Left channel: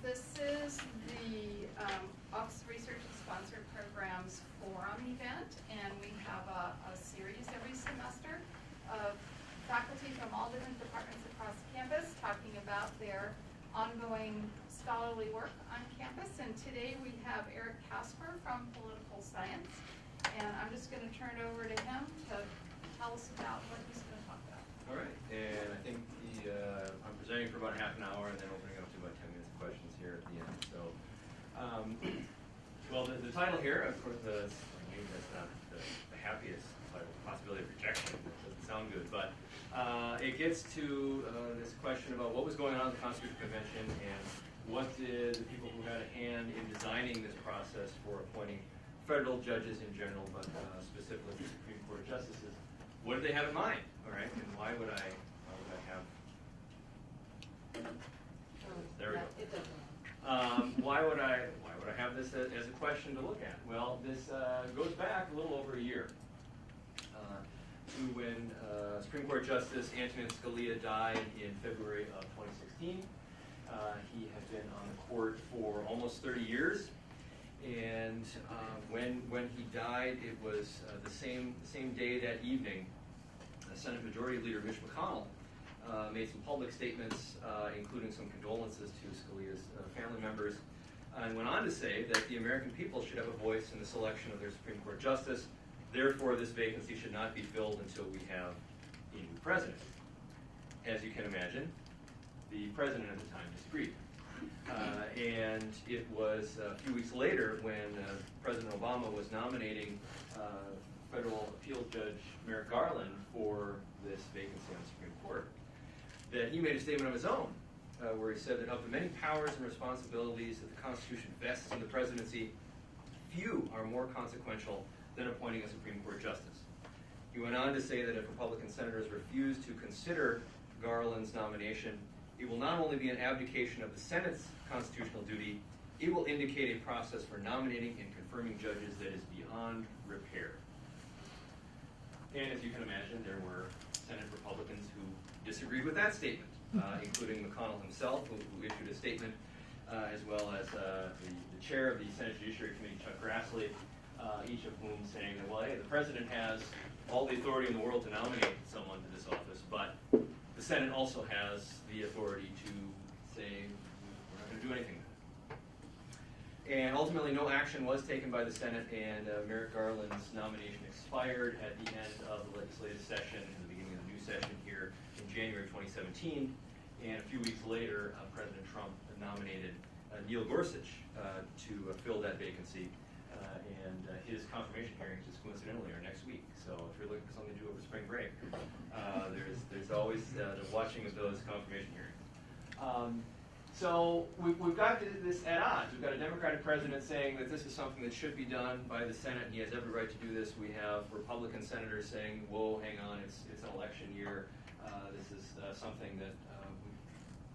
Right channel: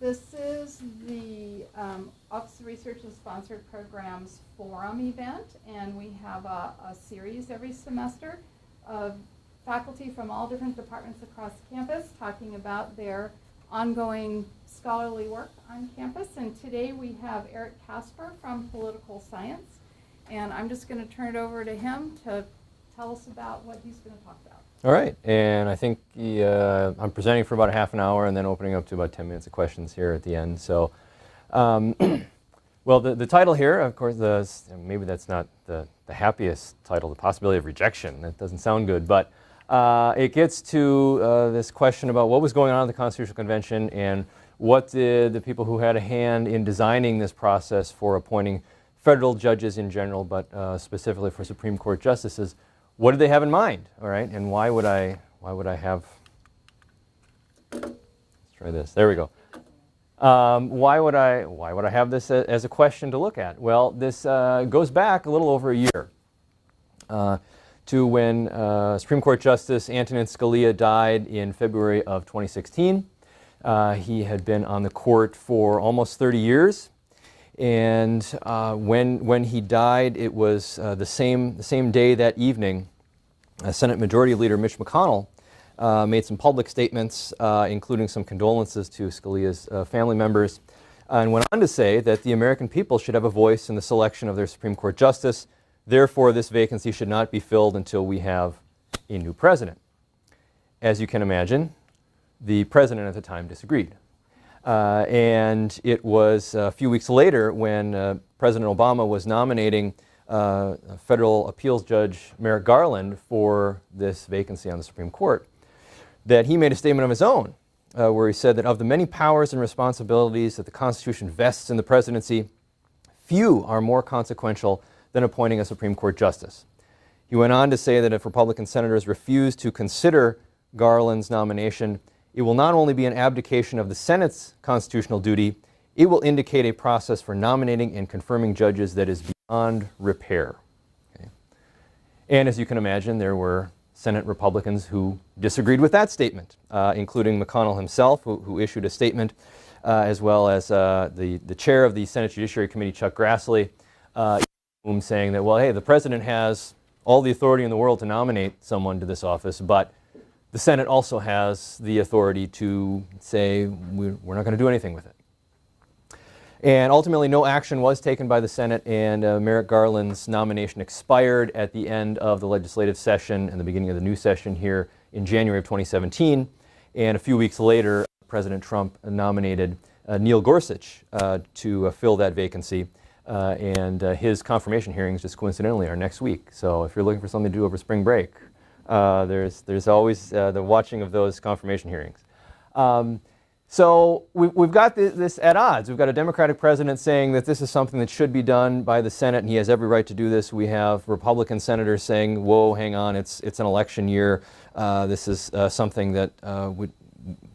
This is the Office of Research and Sponsored Programs Forum event, and we have a series every semester of faculty from all different departments across campus talking about their ongoing scholarly work on campus. And today we have Kasper from Political Science, and I'm just going to turn it over to him to tell us about what he's going to talk about. All right, and I think I'm presenting for about a half an hour and then opening up to about 10 minutes of questions here at the end. So, well, the title here, of course, maybe that's not the happiest title, the possibility of rejection. That doesn't sound good, but it gets to this question about what was going on at the Constitutional Convention and what did the people who had a hand in designing this process for appointing federal judges in general, but specifically for Supreme Court justices, what did they have in mind, all right? And why would I have, let's try this, there we go. Why would I have this as a question to look at? Well, this goes back a little over a year to when Supreme Court Justice Antonin Scalia died in February of 2016. He had been on the court for almost 30 years. And when he died, it was the same day that evening, Senate Majority Leader Mitch McConnell made some public statements, including some condolences to Scalia's family members, and went on to say that the American people should have a voice in the selection of their Supreme Court justice. Therefore, this vacancy should not be filled until we have a new president. As you can imagine, the president at the time disagreed. And it was a few weeks later when President Obama was nominating federal appeals judge Merrick Garland for this vacancy on the Supreme Court that he made a statement of his own where he said that of the many powers and responsibilities that the Constitution vests in the presidency, few are more consequential than appointing a Supreme Court justice. He went on to say that if Republican senators refuse to consider Garland's nomination, it will not only be an abdication of the Senate's constitutional duty, it will indicate a process for nominating and confirming judges that is beyond repair. Okay. And as you can imagine, there were Senate Republicans who disagreed with that statement, including McConnell himself, who issued a statement, as well as the chair of the Senate Judiciary Committee, Chuck Grassley, each of whom saying that, well, hey, the president has all the authority in the world to nominate someone to this office, but the Senate also has the authority to say we're not going to do anything with it. And ultimately, no action was taken by the Senate, and Merrick Garland's nomination expired at the end of the legislative session and the beginning of the new session here in January of 2017. And a few weeks later, President Trump nominated Neil Gorsuch to fill that vacancy. And his confirmation hearings, just coincidentally, are next week. So if you're looking for something to do over spring break, there's always the watching of those confirmation hearings. So we've got this at odds. We've got a Democratic president saying that this is something that should be done by the Senate, and he has every right to do this. We have Republican senators saying, whoa, hang on, it's an election year. This is something that would,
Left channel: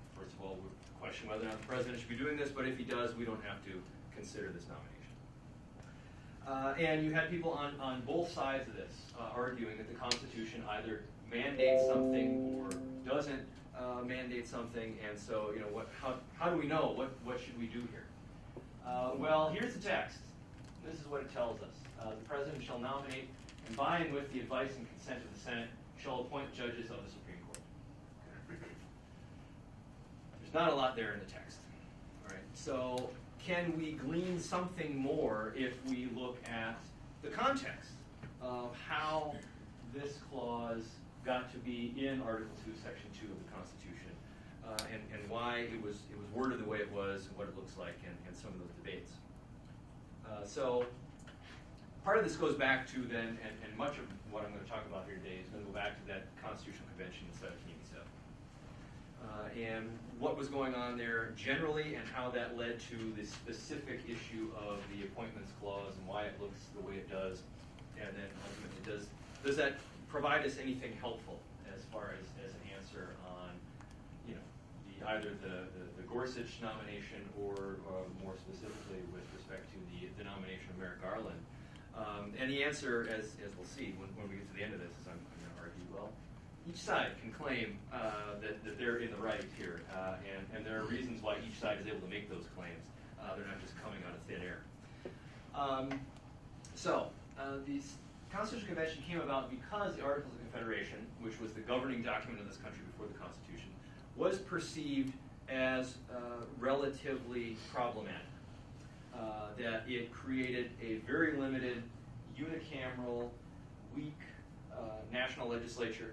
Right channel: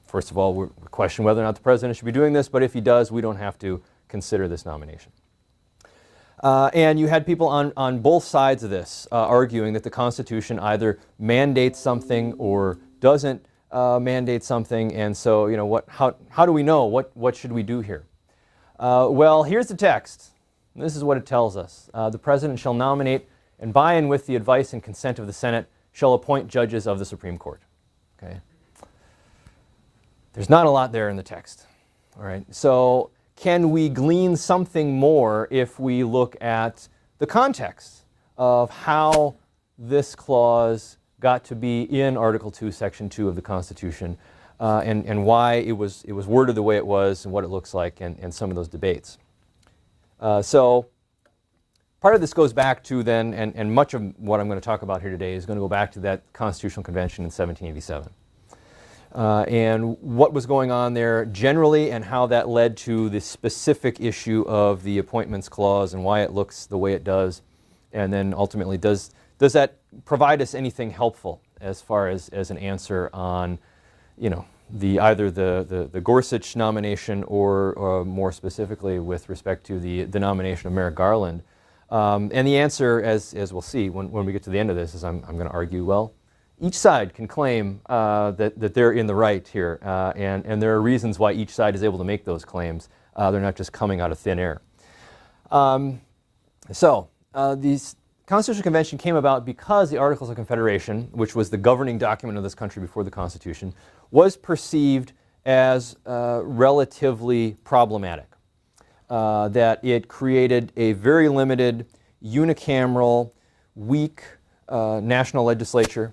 first of all, we question whether or not the president should be doing this, but if he does, we don't have to consider this nomination. And you had people on both sides of this arguing that the Constitution either mandates something or doesn't mandate something, and so how do we know what should we do here? Well, here's the text. This is what it tells us. The President shall nominate and by and with the advice and consent of the Senate shall appoint judges of the Supreme Court. Okay. There's not a lot there in the text. All right. So can we glean something more if we look at the context of how this clause got to be in Article 2, Section 2 of the Constitution, and why it was worded the way it was and what it looks like, and some of those debates. So part of this goes back to then, and much of what I'm going to talk about here today is going to go back to that Constitutional Convention in 1787. And what was going on there generally and how that led to the specific issue of the Appointments Clause and why it looks the way it does. And then ultimately, does that provide us anything helpful as far as an answer on, either the Gorsuch nomination or more specifically with respect to the nomination of Merrick Garland? And the answer, as we'll see when we get to the end of this, is I'm going to argue, well, each side can claim that they're in the right here, and there are reasons why each side is able to make those claims. They're not just coming out of thin air. These Constitutional Convention came about because the Articles of Confederation, which was the governing document of this country before the Constitution, was perceived as relatively problematic. That it created a very limited, unicameral, weak national legislature.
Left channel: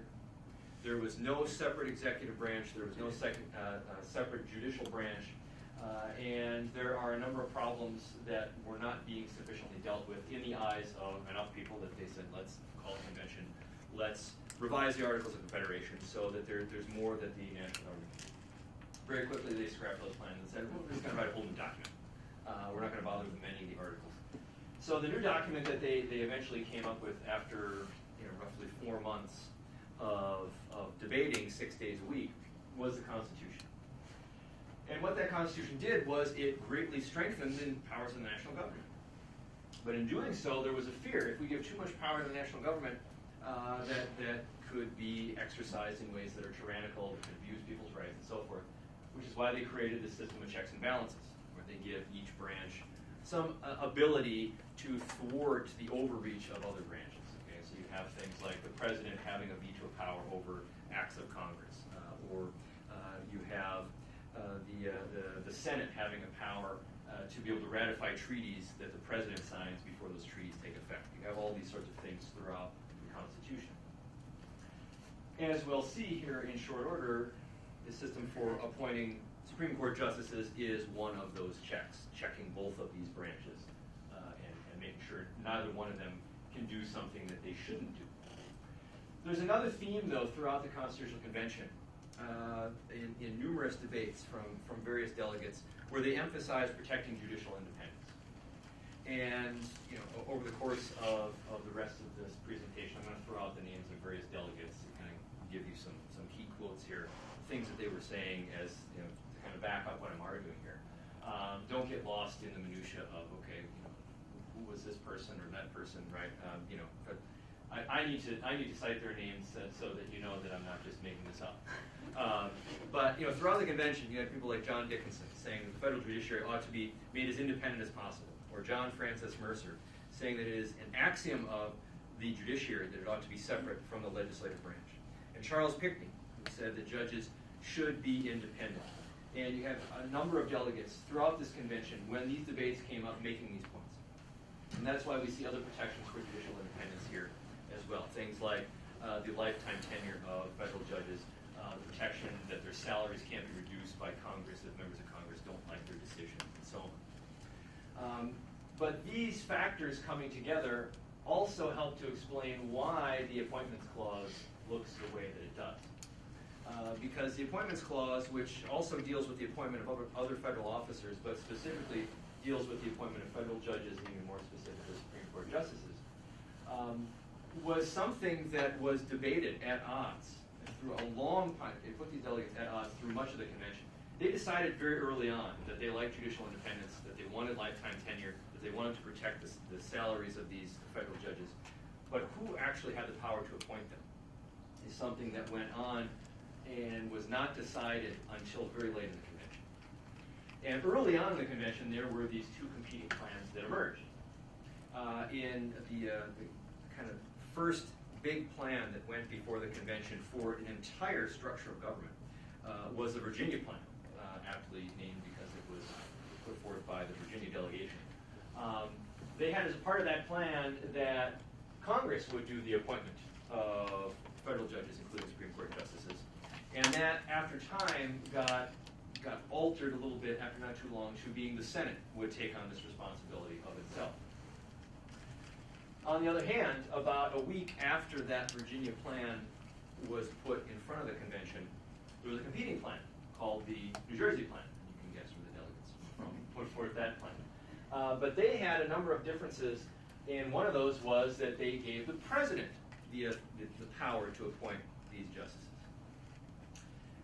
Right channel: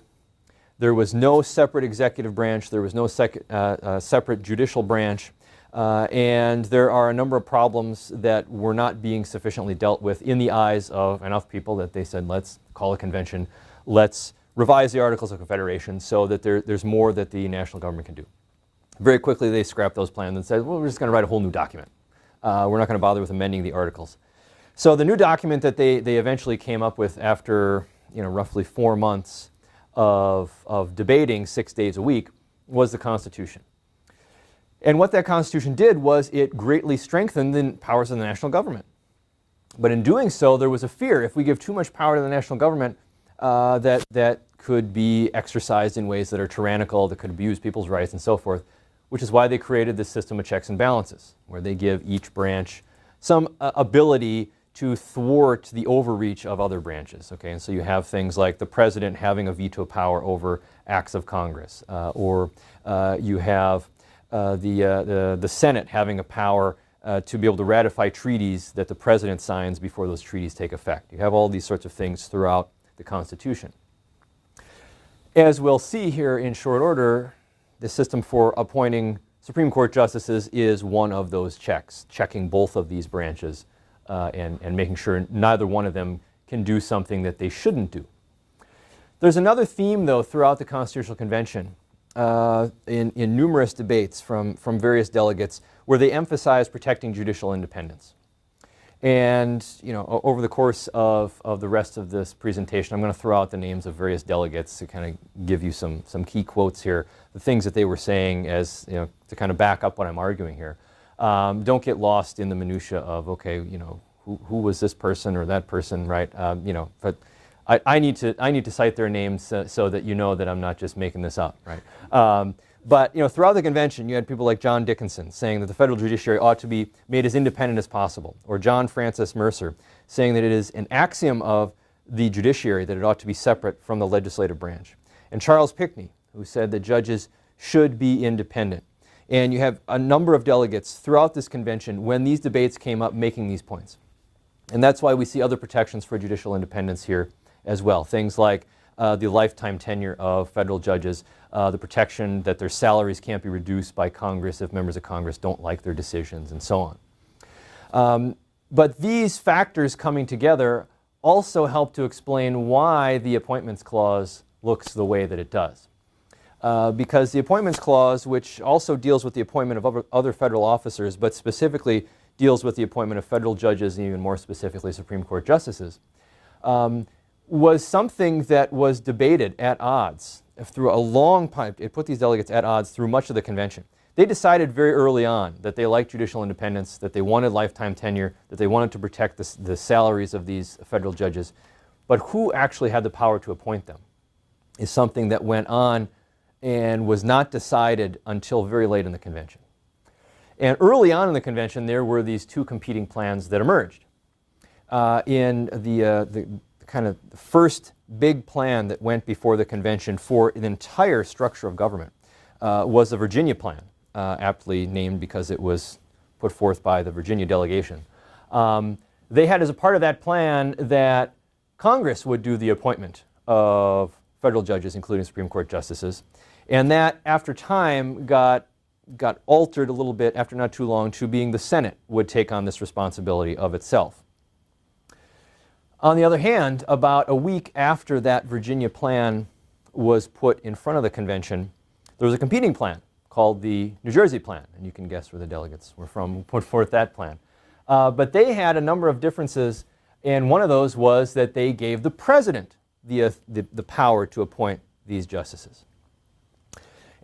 There was no separate executive branch. There was no separate judicial branch. And there are a number of problems that were not being sufficiently dealt with in the eyes of enough people that they said, let's call a convention, let's revise the Articles of Confederation so that there's more that the national government can do. Very quickly they scrapped those plans and said, well, we're just going to write a whole new document. We're not going to bother with amending the articles. So the new document that they eventually came up with after roughly 4 months of debating 6 days a week was the Constitution. And what that Constitution did was it greatly strengthened the powers of the national government. But in doing so, there was a fear if we give too much power to the national government that could be exercised in ways that are tyrannical, that could abuse people's rights and so forth, which is why they created this system of checks and balances, where they give each branch some ability to thwart the overreach of other branches. Okay? And so you have things like the president having a veto power over acts of Congress, or you have the Senate having a power to be able to ratify treaties that the president signs before those treaties take effect. You have all these sorts of things throughout the Constitution. As we'll see here in short order, the system for appointing Supreme Court justices is one of those checks, checking both of these branches and making sure neither one of them can do something that they shouldn't do. There's another theme, though, throughout the Constitutional Convention in numerous debates from various delegates where they emphasize protecting judicial independence. And over the course of the rest of this presentation, I'm going to throw out the names of various delegates to kind of give you some key quotes here, the things that they were saying as to kind of back up what I'm arguing here. Don't get lost in the minutia of who was this person or that person, right? But I need to cite their names so that you know that I'm not just making this up, right? But throughout the convention, you had people like John Dickinson saying that the federal judiciary ought to be made as independent as possible, or John Francis Mercer saying that it is an axiom of the judiciary that it ought to be separate from the legislative branch, and Charles Pinckney, who said that judges should be independent. And you have a number of delegates throughout this convention when these debates came up making these points. And that's why we see other protections for judicial independence here as well. Things like the lifetime tenure of federal judges, the protection that their salaries can't be reduced by Congress if members of Congress don't like their decisions, and so on. But these factors coming together also help to explain why the Appointments Clause looks the way that it does. Because the Appointments Clause, which also deals with the appointment of other federal officers, but specifically deals with the appointment of federal judges and even more specifically Supreme Court justices, was something that was debated at odds through a long time. It put these delegates at odds through much of the convention. They decided very early on that they liked judicial independence, that they wanted lifetime tenure, that they wanted to protect the salaries of these federal judges. But who actually had the power to appoint them is something that went on and was not decided until very late in the convention. And early on in the convention, there were these two competing plans that emerged. In the kind of first big plan that went before the convention for an entire structure of government was the Virginia plan, aptly named because it was put forth by the Virginia delegation. They had as a part of that plan that Congress would do the appointment of federal judges, including Supreme Court justices. And that, after time, got altered a little bit after not too long to being the Senate would take on this responsibility of itself. On the other hand, about a week after that Virginia plan was put in front of the convention, there was a competing plan called the New Jersey plan. And you can guess where the delegates were from who put forth that plan. But they had a number of differences, and one of those was that they gave the president the power to appoint these justices.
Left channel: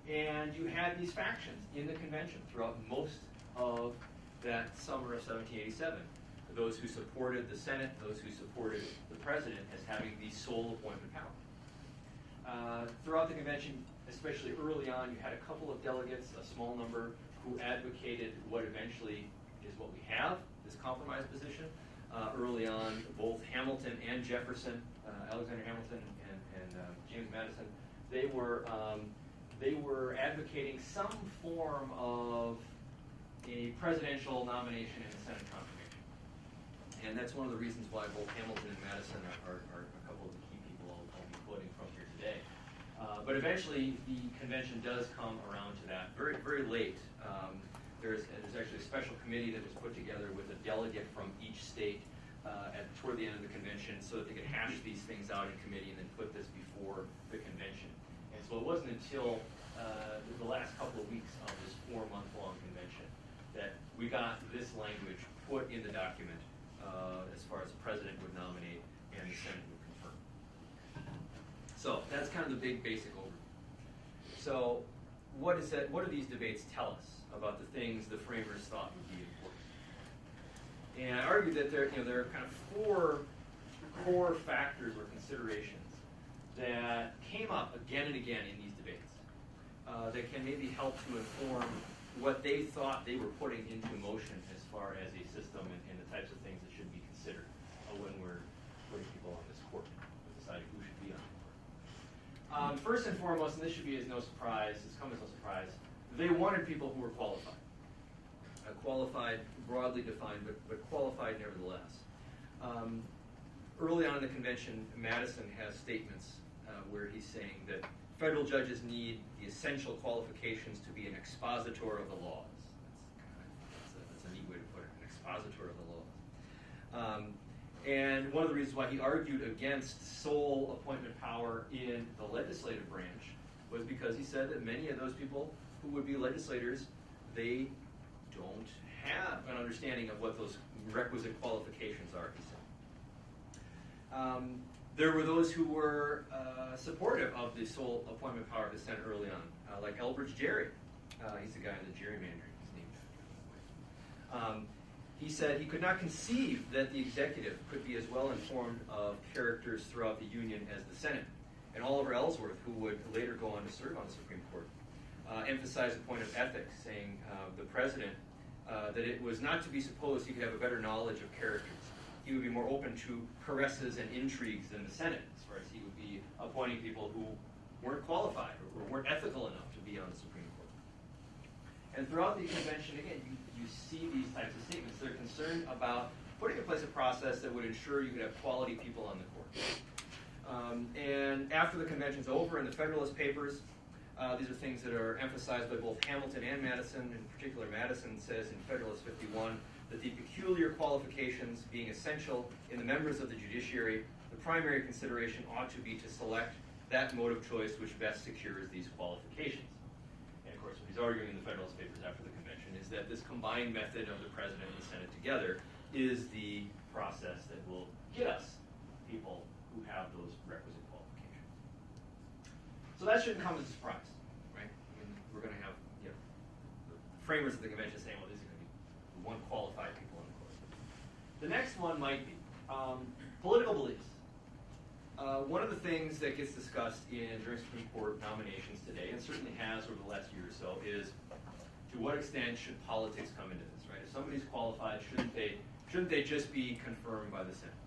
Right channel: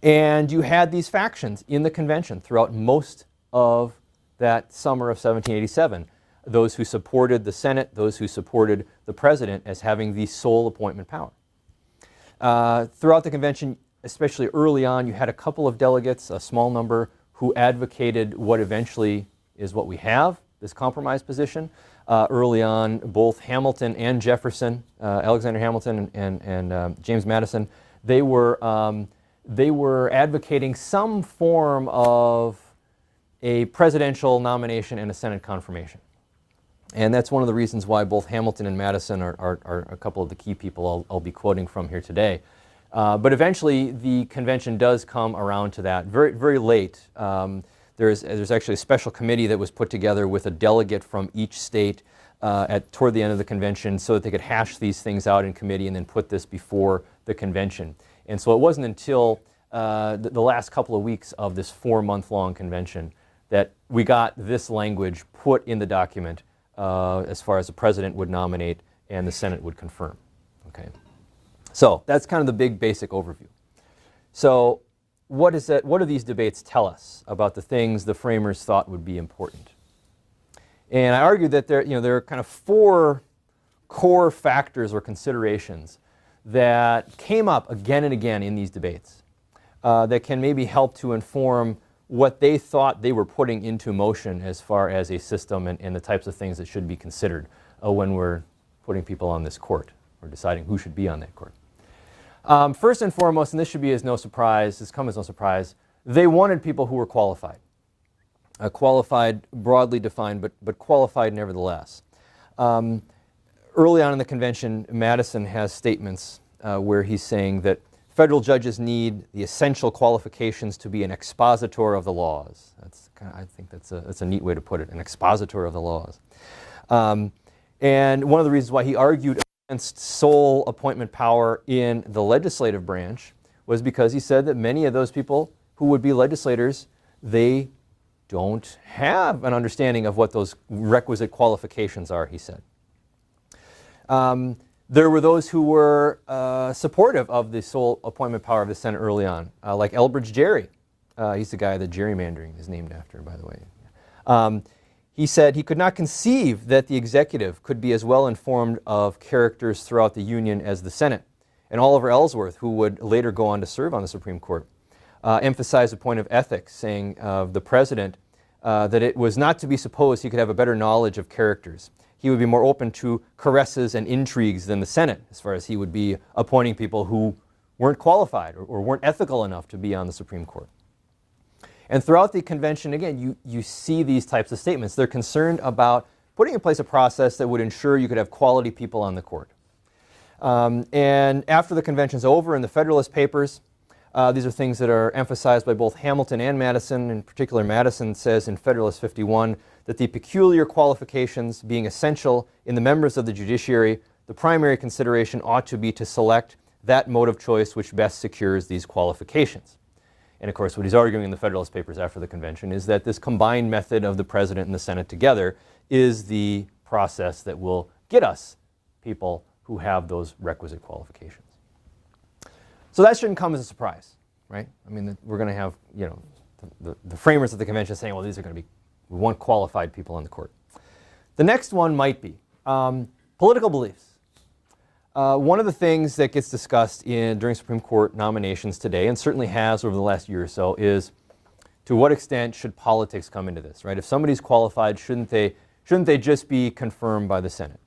And you had these factions in the convention throughout most of that summer of 1787. Those who supported the Senate, those who supported the president as having the sole appointment power. Throughout the convention, especially early on, you had a couple of delegates, a small number, who advocated what eventually is what we have, this compromise position. Early on, both Hamilton and Jefferson, Alexander Hamilton and James Madison, they were advocating some form of a presidential nomination and a Senate confirmation. And that's one of the reasons why both Hamilton and Madison are a couple of the key people I'll be quoting from here today. But eventually, the convention does come around to that very, very late. There's actually a special committee that was put together with a delegate from each state toward the end of the convention so that they could hash these things out in committee and then put this before the convention. And so it wasn't until the last couple of weeks of this 4-month-long convention that we got this language put in the document as far as the president would nominate and the Senate would confirm. Okay. So that's kind of the big basic overview. So what do these debates tell us about the things the framers thought would be important? And I argue that there are kind of 4 core factors or considerations that came up again and again in these debates that can maybe help to inform what they thought they were putting into motion as far as a system and the types of things that should be considered when we're putting people on this court or deciding who should be on that court. First and foremost, and this should be as no surprise, this comes as no surprise, they wanted people who were qualified. Qualified, broadly defined, but qualified nevertheless. Early on in the convention, Madison has statements where he's saying that federal judges need the essential qualifications to be an expositor of the laws. I think that's a neat way to put it, an expositor of the laws. And one of the reasons why he argued against sole appointment power in the legislative branch was because he said that many of those people who would be legislators, they don't have an understanding of what those requisite qualifications are, he said. There were those who were supportive of the sole appointment power of the Senate early on, like Elbridge Gerry. He's the guy that gerrymandering is named after, by the way. He said he could not conceive that the executive could be as well informed of characters throughout the Union as the Senate. And Oliver Ellsworth, who would later go on to serve on the Supreme Court, emphasized a point of ethics, saying of the president that it was not to be supposed he could have a better knowledge of characters. He would be more open to caresses and intrigues than the Senate, as far as he would be appointing people who weren't qualified or weren't ethical enough to be on the Supreme Court. And throughout the convention, again, you see these types of statements. They're concerned about putting in place a process that would ensure you could have quality people on the court. And after the convention's over in the Federalist Papers, these are things that are emphasized by both Hamilton and Madison. In particular, Madison says in Federalist 51 that the peculiar qualifications being essential in the members of the judiciary, the primary consideration ought to be to select that mode of choice which best secures these qualifications. And of course, what he's arguing in the Federalist Papers after the convention is that this combined method of the president and the Senate together is the process that will get us people who have those requisite qualifications. So that shouldn't come as a surprise, right? I mean, we're going to have, the framers of the convention saying, well, these are going to be, we want qualified people on the court. The next one might be political beliefs. One of the things that gets discussed during Supreme Court nominations today, and certainly has over the last year or so, is to what extent should politics come into this, right? If somebody's qualified, shouldn't they just be confirmed by the Senate?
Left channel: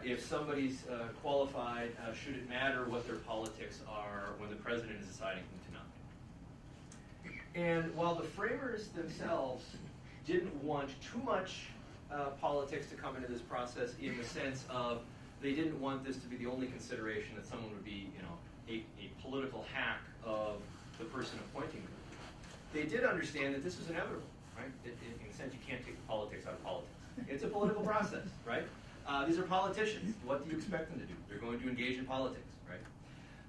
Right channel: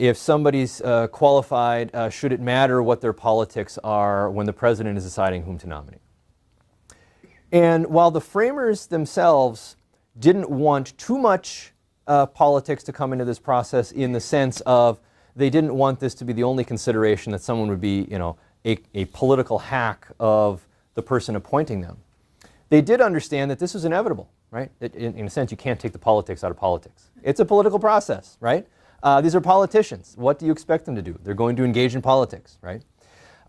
If somebody's qualified, should it matter what their politics are when the president is deciding whom to nominate? And while the framers themselves didn't want too much politics to come into this process in the sense of they didn't want this to be the only consideration that someone would be, a political hack of the person appointing them. They did understand that this was inevitable, right? In a sense, you can't take the politics out of politics. It's a political process, right? These are politicians. What do you expect them to do? They're going to engage in politics, right?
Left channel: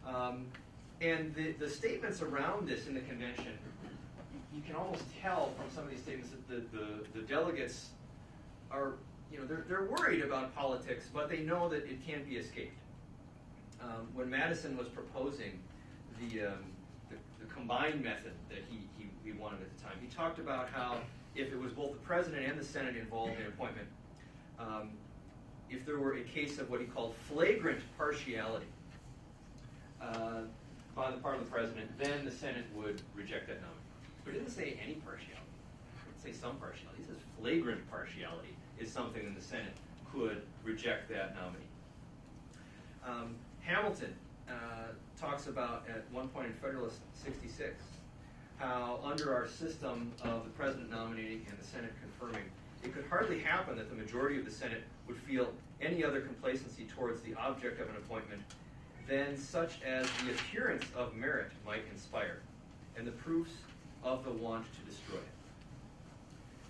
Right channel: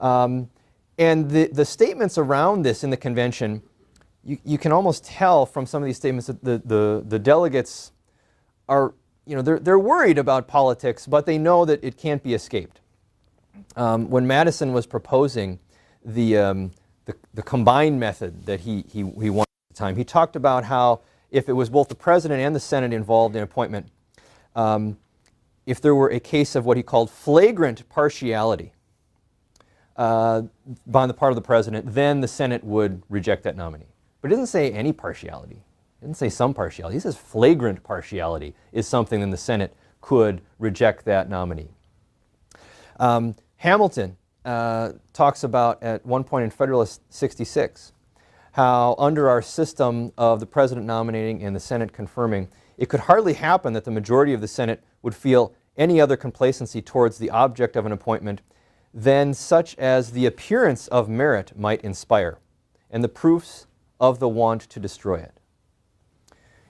And the statements around this in the convention, you can almost tell from some of these statements that the delegates are, they're worried about politics, but they know that it can't be escaped. When Madison was proposing the combined method that he wanted at the time, he talked about how if it was both the president and the Senate involved in appointment, if there were a case of what he called flagrant partiality, on the part of the president, then the Senate would reject that nominee. But it doesn't say any partiality. It doesn't say some partiality. It says flagrant partiality is something that the Senate could reject that nominee. Hamilton talks about at one point in Federalist 66 how under our system of the president nominating and the Senate confirming, it could hardly happen that the majority of the Senate would feel any other complacency towards the object of an appointment than such as the appearance of merit might inspire, and the proofs of the want to destroy it.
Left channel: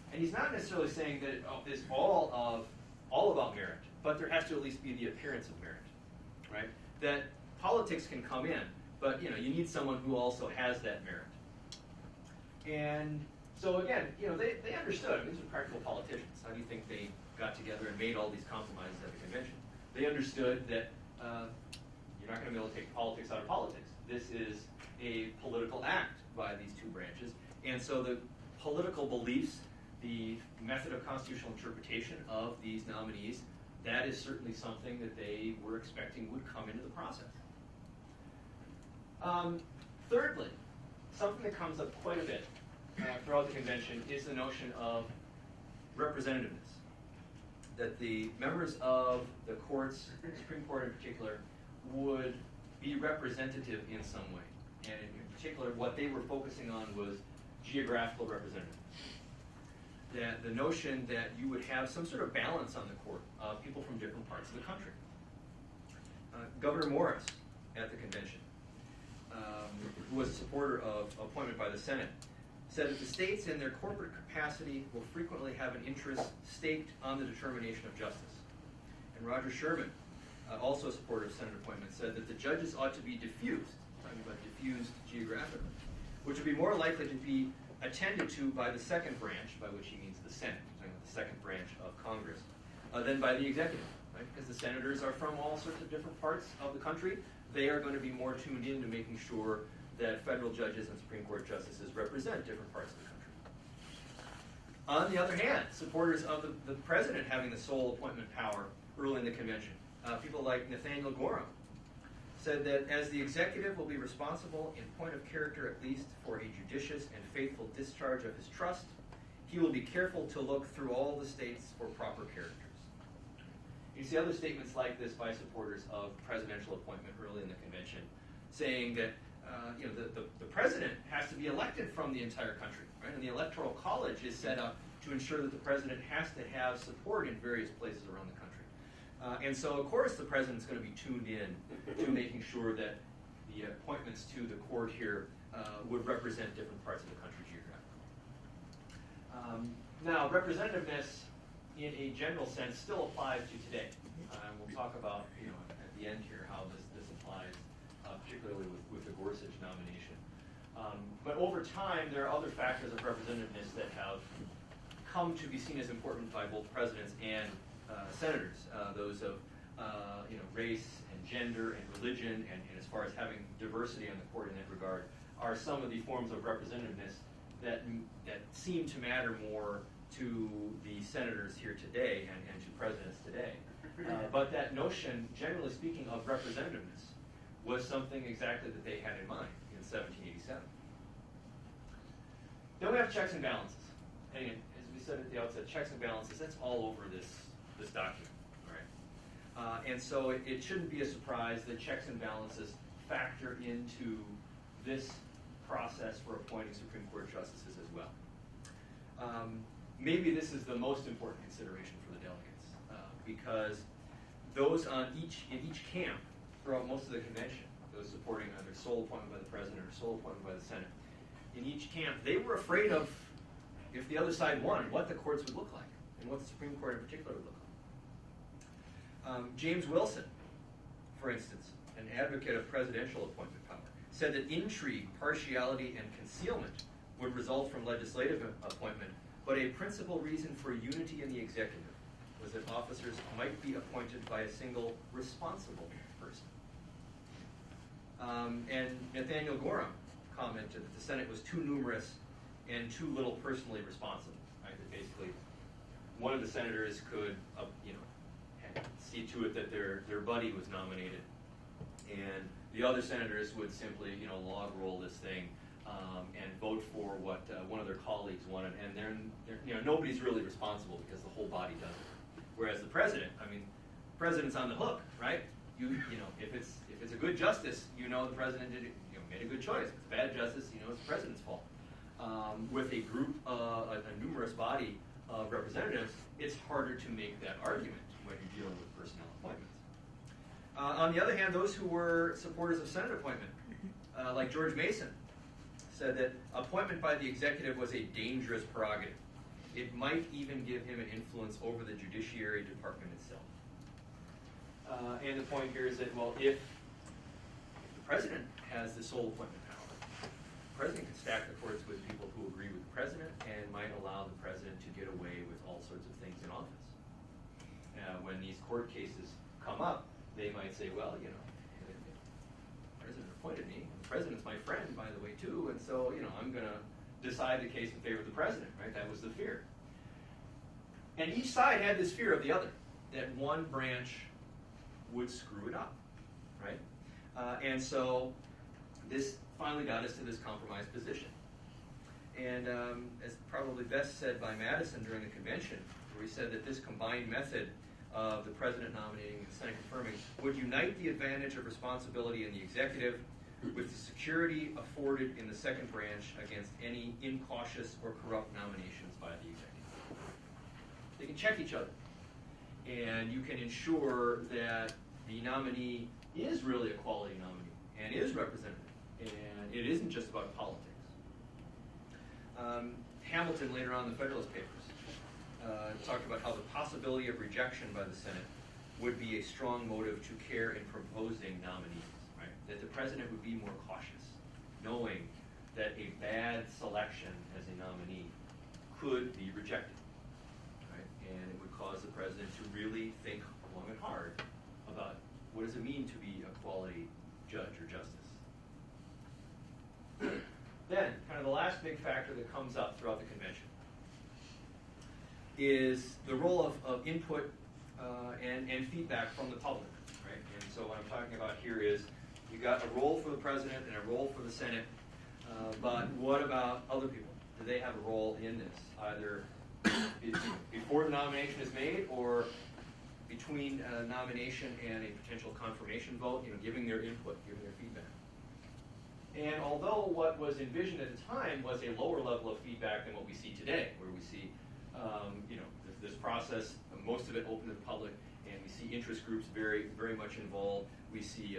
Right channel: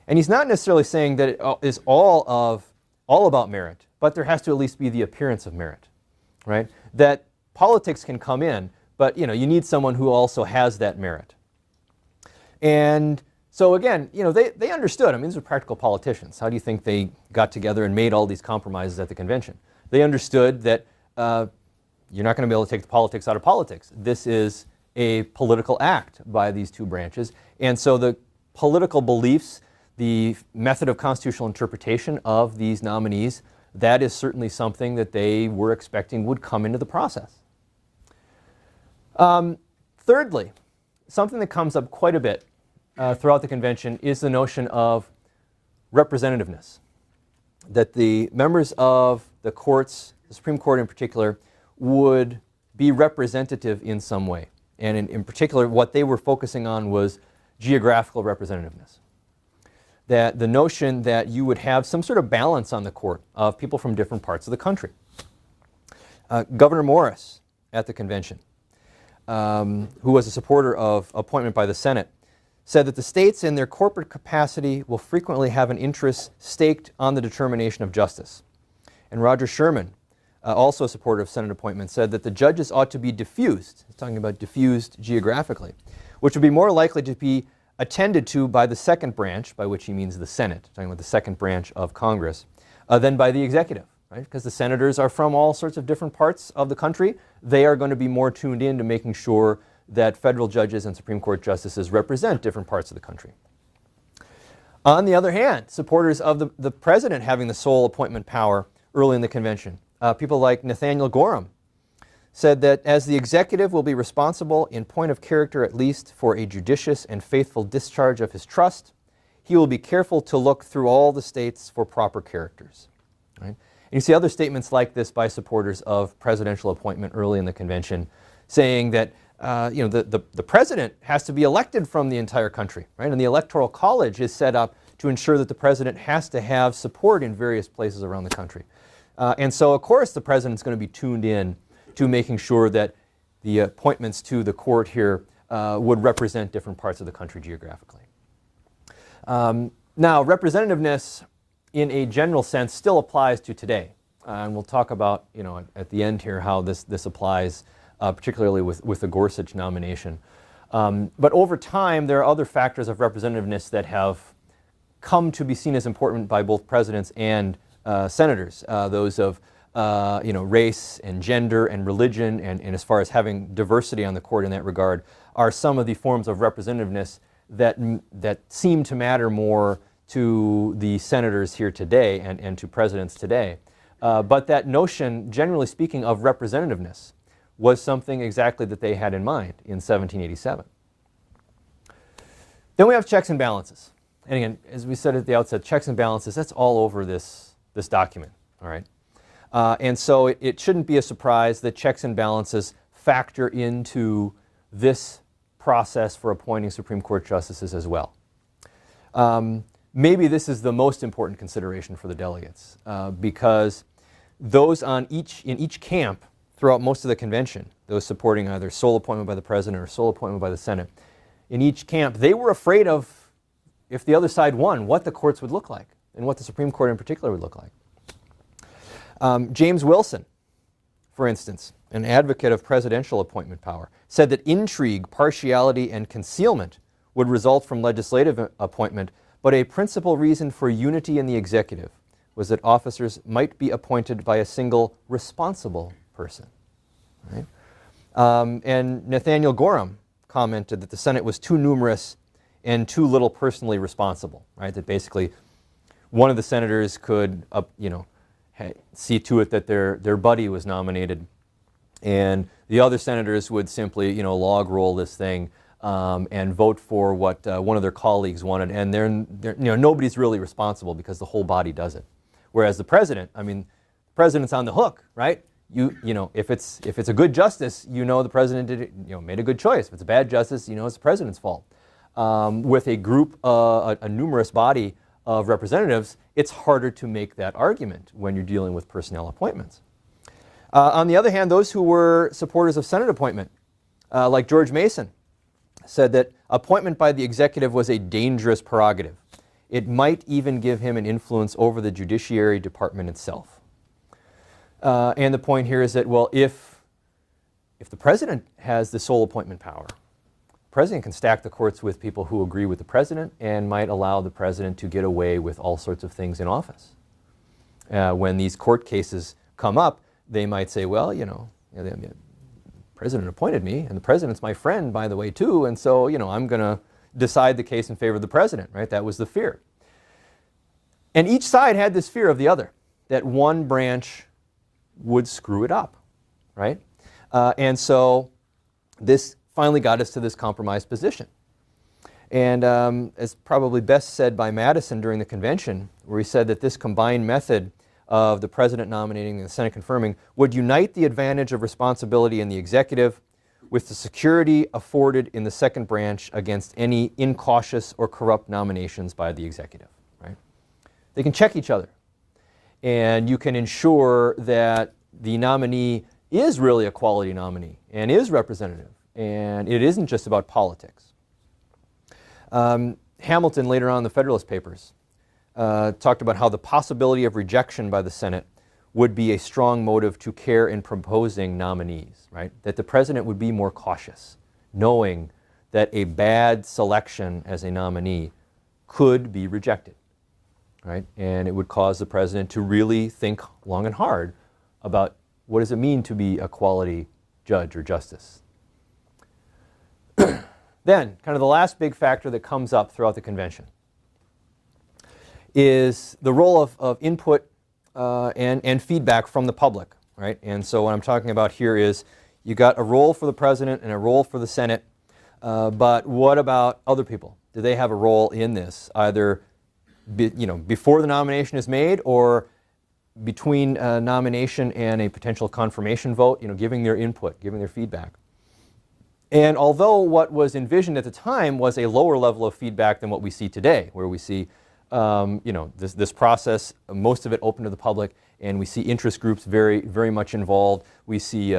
And he's not necessarily saying that it is all about merit, but there has to at least be the appearance of merit, right? That politics can come in, but you need someone who also has that merit. And so again, they understood. I mean, these are practical politicians. How do you think they got together and made all these compromises at the convention? They understood that you're not going to be able to take the politics out of politics. This is a political act by these two branches. And so the political beliefs, the method of constitutional interpretation of these nominees, that is certainly something that they were expecting would come into the process. Thirdly, something that comes up quite a bit throughout the convention is the notion of representativeness. That the members of the courts, the Supreme Court in particular, would be representative in some way. And in particular, what they were focusing on was geographical representativeness. That the notion that you would have some sort of balance on the court of people from different parts of the country. Governor Morris at the convention, who was a supporter of appointment by the Senate, said that the states in their corporate capacity will frequently have an interest staked on the determination of justice. And Roger Sherman, also a supporter of Senate appointment, said that the judges ought to be diffused, he's talking about diffused geographically, which would be more likely to be attended to by the second branch, by which he means the Senate, talking about the second branch of Congress, than by the executive, right? Because the senators are from all sorts of different parts of the country. They are going to be more tuned in to making sure that federal judges and Supreme Court justices represent different parts of the country. On the other hand, supporters of the president having the sole appointment power early in the convention, people like Nathaniel Gorham, said that as the executive will be responsible in point of character at least for a judicious and faithful discharge of his trust, he will be careful to look through all the states for proper characters. Right? And you see other statements like this by supporters of presidential appointment early in the convention, saying that the president has to be elected from the entire country, right? And the Electoral College is set up to ensure that the president has to have support in various places around the country. And so, of course, the president's going to be tuned in to making sure that the appointments to the court here would represent different parts of the country geographically. Now, representativeness in a general sense still applies to today. And we'll talk about, at the end here how this applies, particularly with the Gorsuch nomination. But over time, there are other factors of representativeness that have come to be seen as important by both presidents and senators, those of race and gender and religion, and as far as having diversity on the court in that regard, are some of the forms of representativeness that seem to matter more to the senators here today and to presidents today. But that notion, generally speaking, of representativeness was something exactly that they had in mind in 1787. Then we have checks and balances. And again, as we said at the outset, checks and balances, that's all over this document, all right? And so it shouldn't be a surprise that checks and balances factor into this process for appointing Supreme Court justices as well. Maybe this is the most important consideration for the delegates, because those in each camp throughout most of the convention, those supporting either sole appointment by the president or sole appointment by the Senate, in each camp, they were afraid of, if the other side won, what the courts would look like, and what the Supreme Court in particular would look like. James Wilson, for instance, an advocate of presidential appointment power, said that intrigue, partiality, and concealment would result from legislative appointment, but a principal reason for unity in the executive was that officers might be appointed by a single responsible person. Right? And Nathaniel Gorham commented that the Senate was too numerous and too little personally responsible. Right? That basically one of the senators could see to it that their buddy was nominated And the other senators would simply, log roll this thing and vote for what one of their colleagues wanted. And nobody's really responsible because the whole body does it. Whereas the president, president's on the hook, right? If it's a good justice, the president did made a good choice. If it's a bad justice, it's the president's fault. With a group, a numerous body of representatives, it's harder to make that argument when you're dealing with personnel appointments. On the other hand, those who were supporters of Senate appointment, like George Mason, said that appointment by the executive was a dangerous prerogative. It might even give him an influence over the Judiciary Department itself. And the point here is that, well, if the president has the sole appointment power, the president can stack the courts with people who agree with the president and might allow the president to get away with all sorts of things in office. When these court cases come up, they might say, well, the president appointed me, and the president's my friend, by the way, too, and so, I'm going to decide the case in favor of the president, right? That was the fear. And each side had this fear of the other, that one branch would screw it up, right? And so this finally got us to this compromise position. And as probably best said by Madison during the convention, where he said that this combined method of the president nominating and the Senate confirming would unite the advantage of responsibility in the executive with the security afforded in the second branch against any incautious or corrupt nominations by the executive. Right? They can check each other. And you can ensure that the nominee is really a quality nominee and is representative. And it isn't just about politics. Hamilton, later on in the Federalist Papers, talked about how the possibility of rejection by the Senate would be a strong motive to care in proposing nominees, right? That the president would be more cautious, knowing that a bad selection as a nominee could be rejected, right? And it would cause the president to really think long and hard about what does it mean to be a quality judge or justice. Then, kind of the last big factor that comes up throughout the convention is the role of input and feedback from the public, right? And so what I'm talking about here is you got a role for the president and a role for the Senate, but what about other people? Do they have a role in this, either before the nomination is made or between nomination and a potential confirmation vote, giving their input, giving their feedback? And although what was envisioned at the time was a lower level of feedback than what we see today, where we see this process, most of it open to the public, and we see interest groups very, very much involved. We see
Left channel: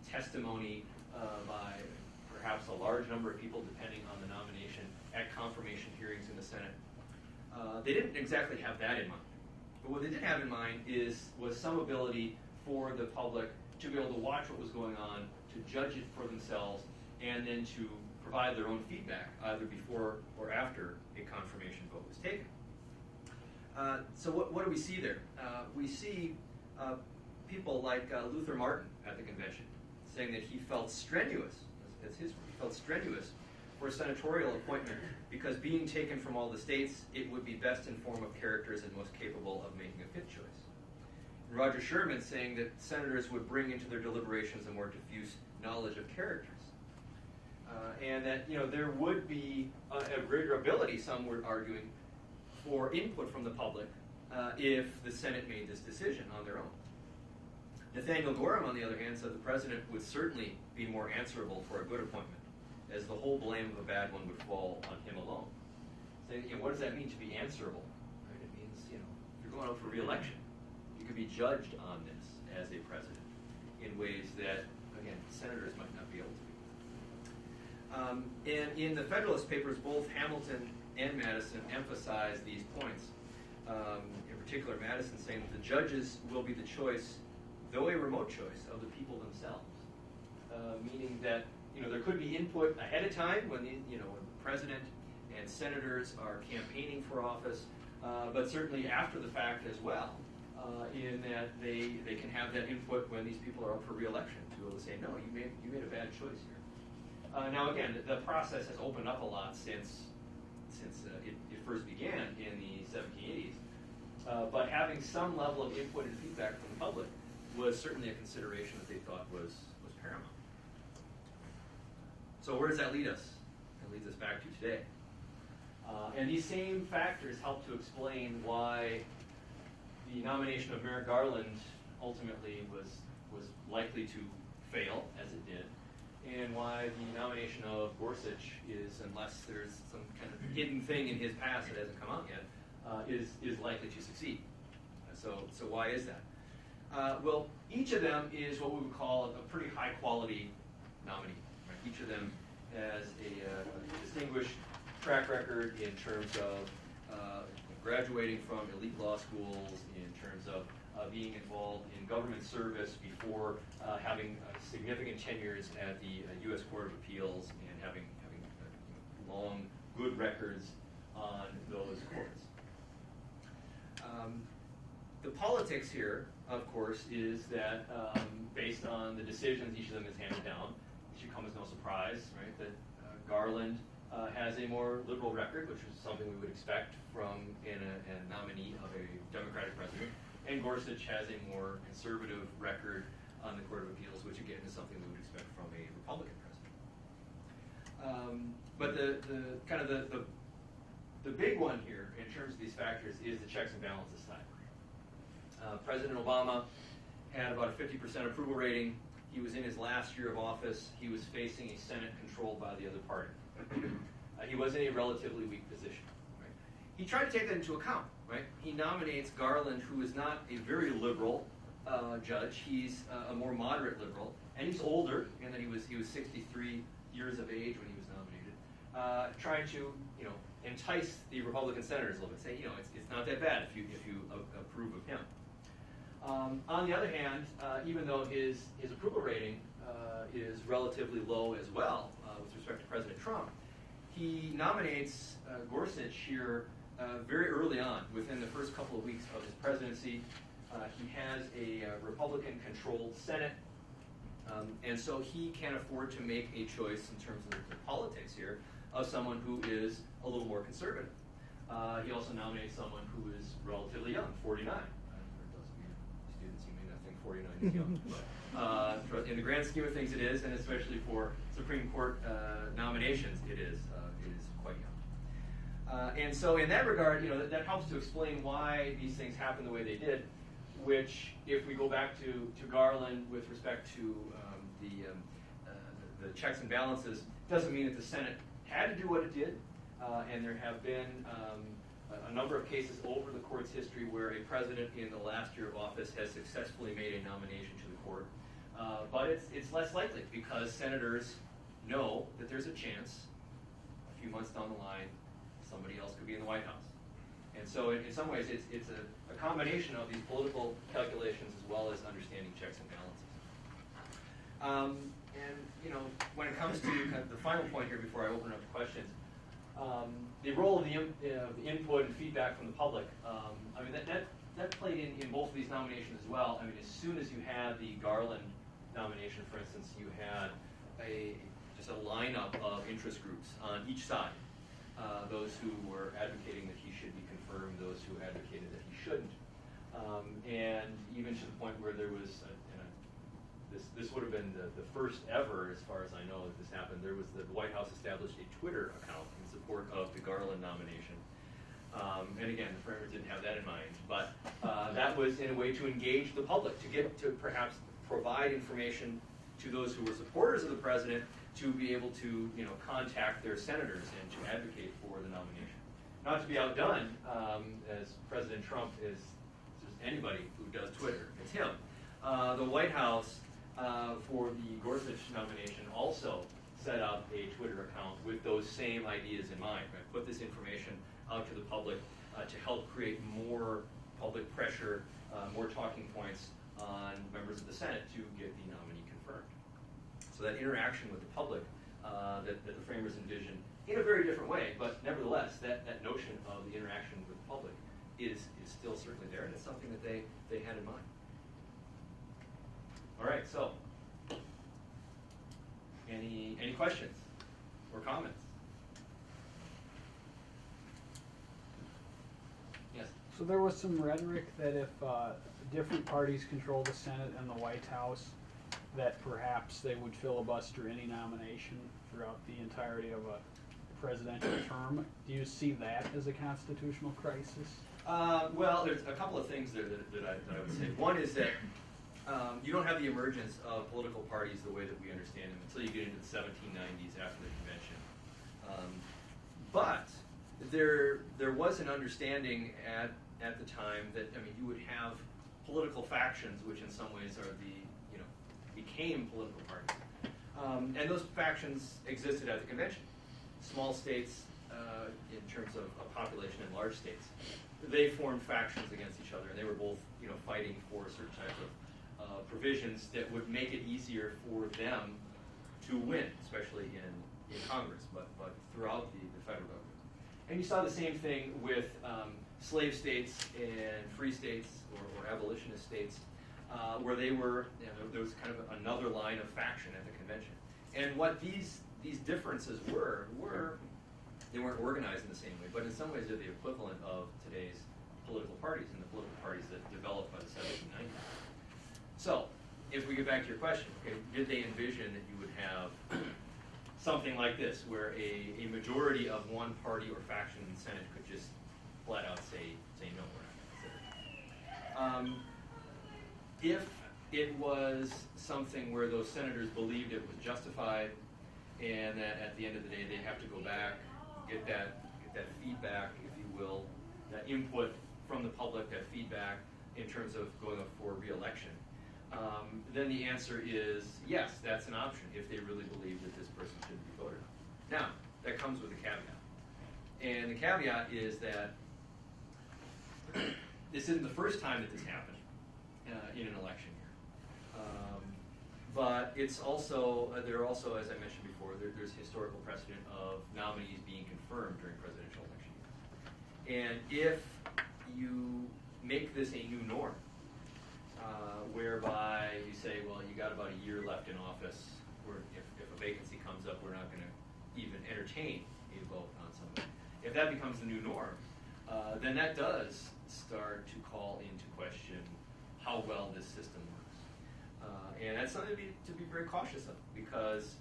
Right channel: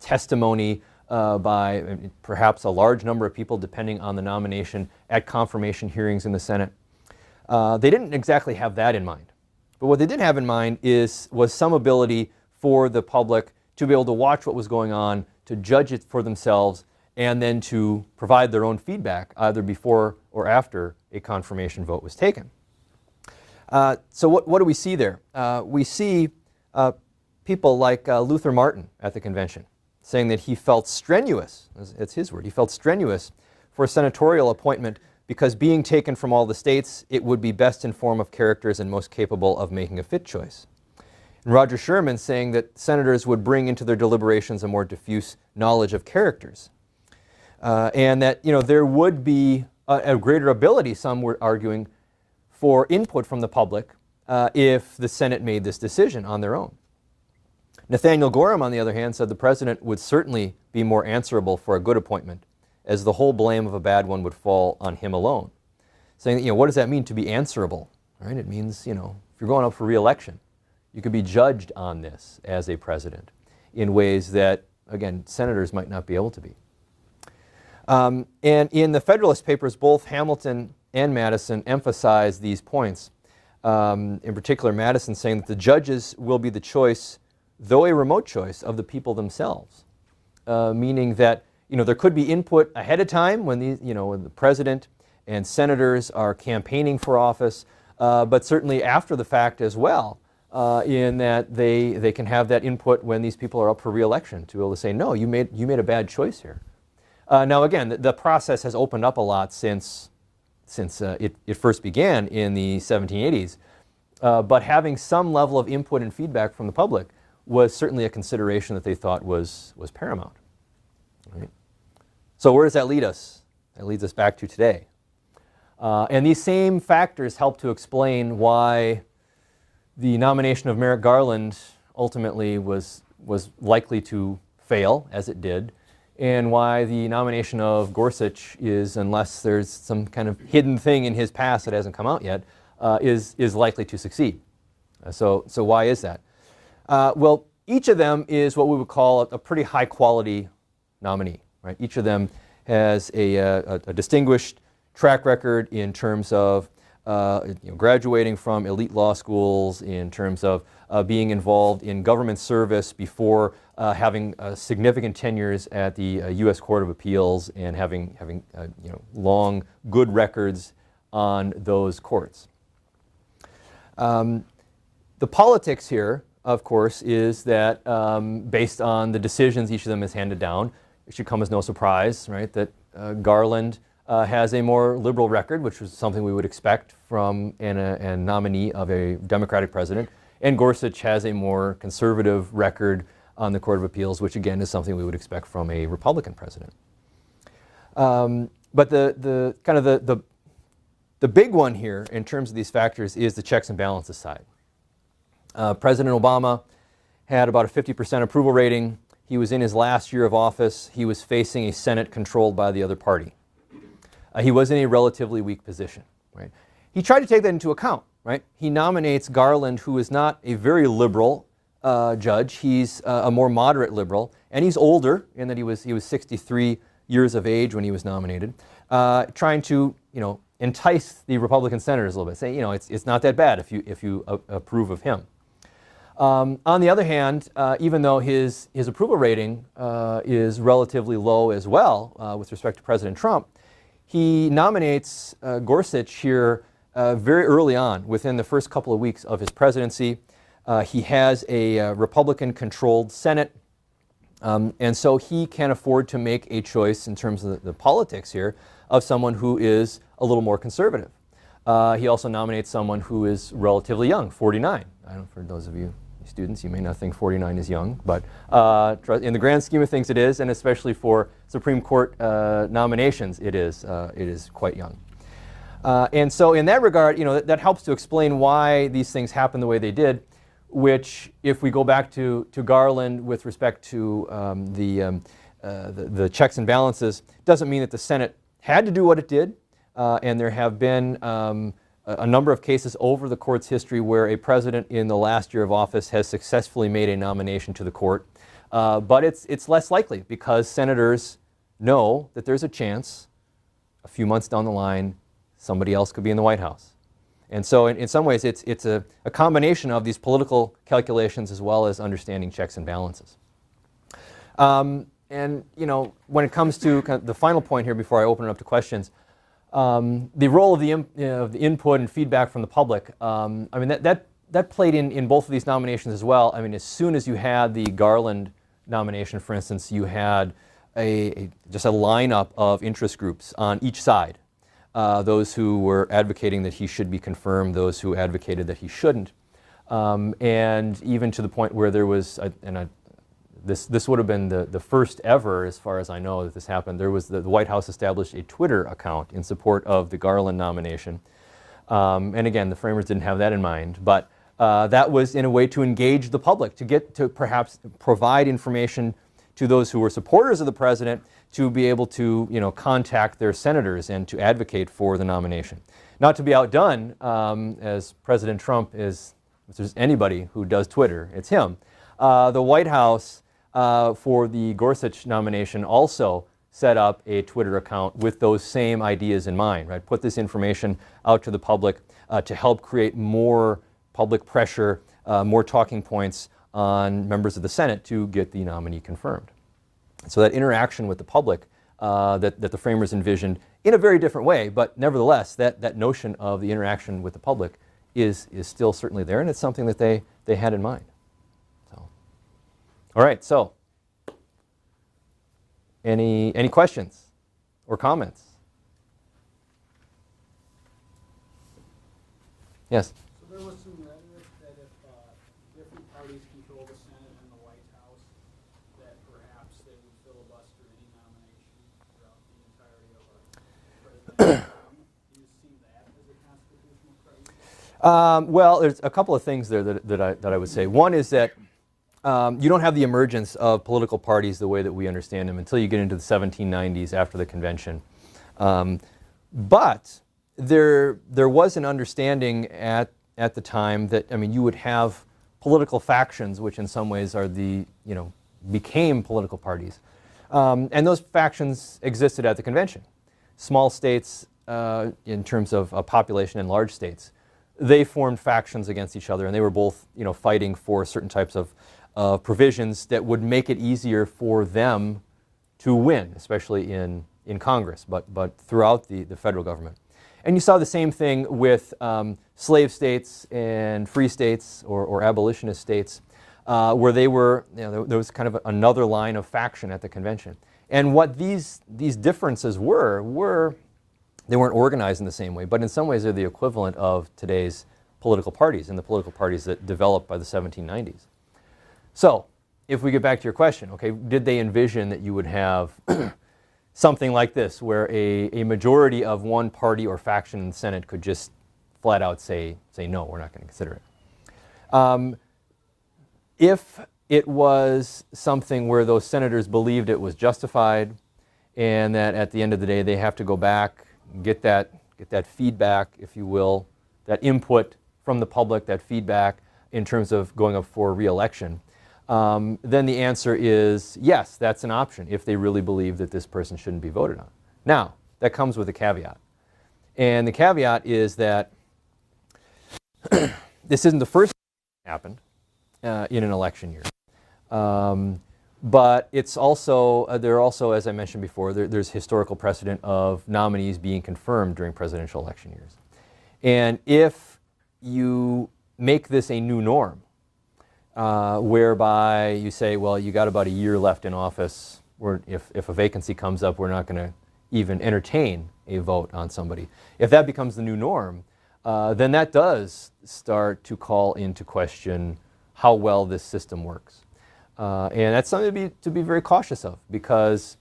testimony by perhaps a large number of people, depending on the nomination, at confirmation hearings in the Senate. They didn't exactly have that in mind. But what they did have in mind was some ability for the public to be able to watch what was going on, to judge it for themselves, and then to provide their own feedback either before or after a confirmation vote was taken. So what do we see there? We see people like Luther Martin at the convention saying that he felt strenuous, it's his word, he felt strenuous for a senatorial appointment because being taken from all the states, it would be best in form of characters and most capable of making a fit choice. And Roger Sherman saying that senators would bring into their deliberations a more diffuse knowledge of characters. And that there would be a greater ability, some were arguing, for input from the public if the Senate made this decision on their own. Nathaniel Gorham, on the other hand, said the president would certainly be more answerable for a good appointment, as the whole blame of a bad one would fall on him alone. Saying that, what does that mean to be answerable? Right? It means, if you're going up for re-election, you could be judged on this as a president in ways that, again, senators might not be able to be. And in the Federalist Papers, both Hamilton and Madison emphasize these points. In particular, Madison saying that the judges will be the choice, though a remote choice, of the people themselves. Meaning that there could be input ahead of time when when the president and senators are campaigning for office, but certainly after the fact as well, in that they can have that input when these people are up for re-election to be able to say, no, you made a bad choice here. Now again, the process has opened up a lot since it first began in the 1780s, but having some level of input and feedback from the public was certainly a consideration that they thought was paramount. Right? So where does that lead us? That leads us back to today. And these same factors help to explain why the nomination of Merrick Garland ultimately was likely to fail, as it did, and why the nomination of Gorsuch is, unless there's some kind of hidden thing in his past that hasn't come out yet, is likely to succeed. So why is that? Well, each of them is what we would call a pretty high-quality nominee. Right? Each of them has a distinguished track record in terms of graduating from elite law schools, in terms of being involved in government service before having significant tenures at the U.S. Court of Appeals and having long, good records on those courts. The politics here, of course, is that based on the decisions each of them has handed down, it should come as no surprise, right, that Garland has a more liberal record, which was something we would expect from a nominee of a Democratic president, and Gorsuch has a more conservative record on the Court of Appeals, which again is something we would expect from a Republican president. But the big one here in terms of these factors is the checks and balances side. President Obama had about a 50% approval rating. He was in his last year of office. He was facing a Senate controlled by the other party. He was in a relatively weak position. Right? He tried to take that into account. Right? He nominates Garland, who is not a very liberal judge. He's a more moderate liberal, and he's older in that he was 63 years of age when he was nominated, trying to entice the Republican senators a little bit, say it's not that bad if you approve of him. On the other hand, even though his approval rating is relatively low as well with respect to President Trump, he nominates Gorsuch here very early on, within the first couple of weeks of his presidency. He has a Republican-controlled Senate, and so he can afford to make a choice in terms of the politics here of someone who is a little more conservative. He also nominates someone who is relatively young, 49. For those of you students, you may not think 49 is young, but in the grand scheme of things it is, and especially for Supreme Court nominations, it is quite young. And so in that regard, that helps to explain why these things happen the way they did, which, if we go back to Garland with respect to the checks and balances, doesn't mean that the Senate had to do what it did. And there have been a number of cases over the court's history where a president in the last year of office has successfully made a nomination to the court. But it's less likely because senators know that there's a chance a few months down the line somebody else could be in the White House. And so in some ways it's a combination of these political calculations as well as understanding checks and balances. And when it comes to kind of the final point here before I open it up to questions, the role of the input and feedback from the public, that played in both of these nominations as well. I mean, as soon as you had the Garland nomination, for instance, you had just a lineup of interest groups on each side. Those who were advocating that he should be confirmed, those who advocated that he shouldn't, and even to the point where there was, this would have been the first ever, as far as I know, that this happened. There was the White House established a Twitter account in support of the Garland nomination. And again, the framers didn't have that in mind, but that was in a way to engage the public, to perhaps provide information to those who were supporters of the president to be able to contact their senators and to advocate for the nomination. Not to be outdone, as President Trump is, if there's anybody who does Twitter, it's him. The White House, for the Gorsuch nomination, also set up a Twitter account with those same ideas in mind, right? Put this information out to the public to help create more public pressure, more talking points on members of the Senate to get the nominee confirmed. So that interaction with the public that the framers envisioned in a very different way, but nevertheless, that notion of the interaction with the public is still certainly there, and it's something that they had in mind. So. All right, so any questions or comments? Yes? So there was some rhetoric that if different parties control the Senate and the White House, that perhaps they would filibuster any nomination throughout the entirety of a presidential term. Do you see that as a constitutional crisis? Well, there's a couple of things there that I would say. One is that you don't have the emergence of political parties the way that we understand them until you get into the 1790s after the convention. But there was an understanding at the time that, I mean, you would have political factions, which in some ways are became political parties. And those factions existed at the convention. Small states, in terms of population, and large states, they formed factions against each other, and they were both, fighting for certain types of provisions that would make it easier for them to win, especially in Congress, but throughout the federal government. And you saw the same thing with slave states and free states or abolitionist states, where they were, there was kind of another line of faction at the convention. And what these differences were they weren't organized in the same way, but in some ways they're the equivalent of today's political parties and the political parties that developed by the 1790s. So, if we get back to your question, okay, did they envision that you would have something like this, where a majority of one party or faction in the Senate could just flat out say no, we're not going to consider it? If it was something where those senators believed it was justified, and that at the end of the day they have to go back, get that feedback, if you will, that input from the public, that feedback in terms of going up for re-election, then the answer is yes, that's an option if they really believe that this person shouldn't be voted on. Now, that comes with a caveat. And the caveat is that this isn't the first time that this happened in an election year. But it's also, there are also, as I mentioned before, there's historical precedent of nominees being confirmed during presidential election years. And if you make this a new norm, whereby you say, well, you got about a year left in office, or if a vacancy comes up, we're not going to even entertain a vote on somebody. If that becomes the new norm, then that does start to call into question how well this system works. And that's something to be very cautious of, because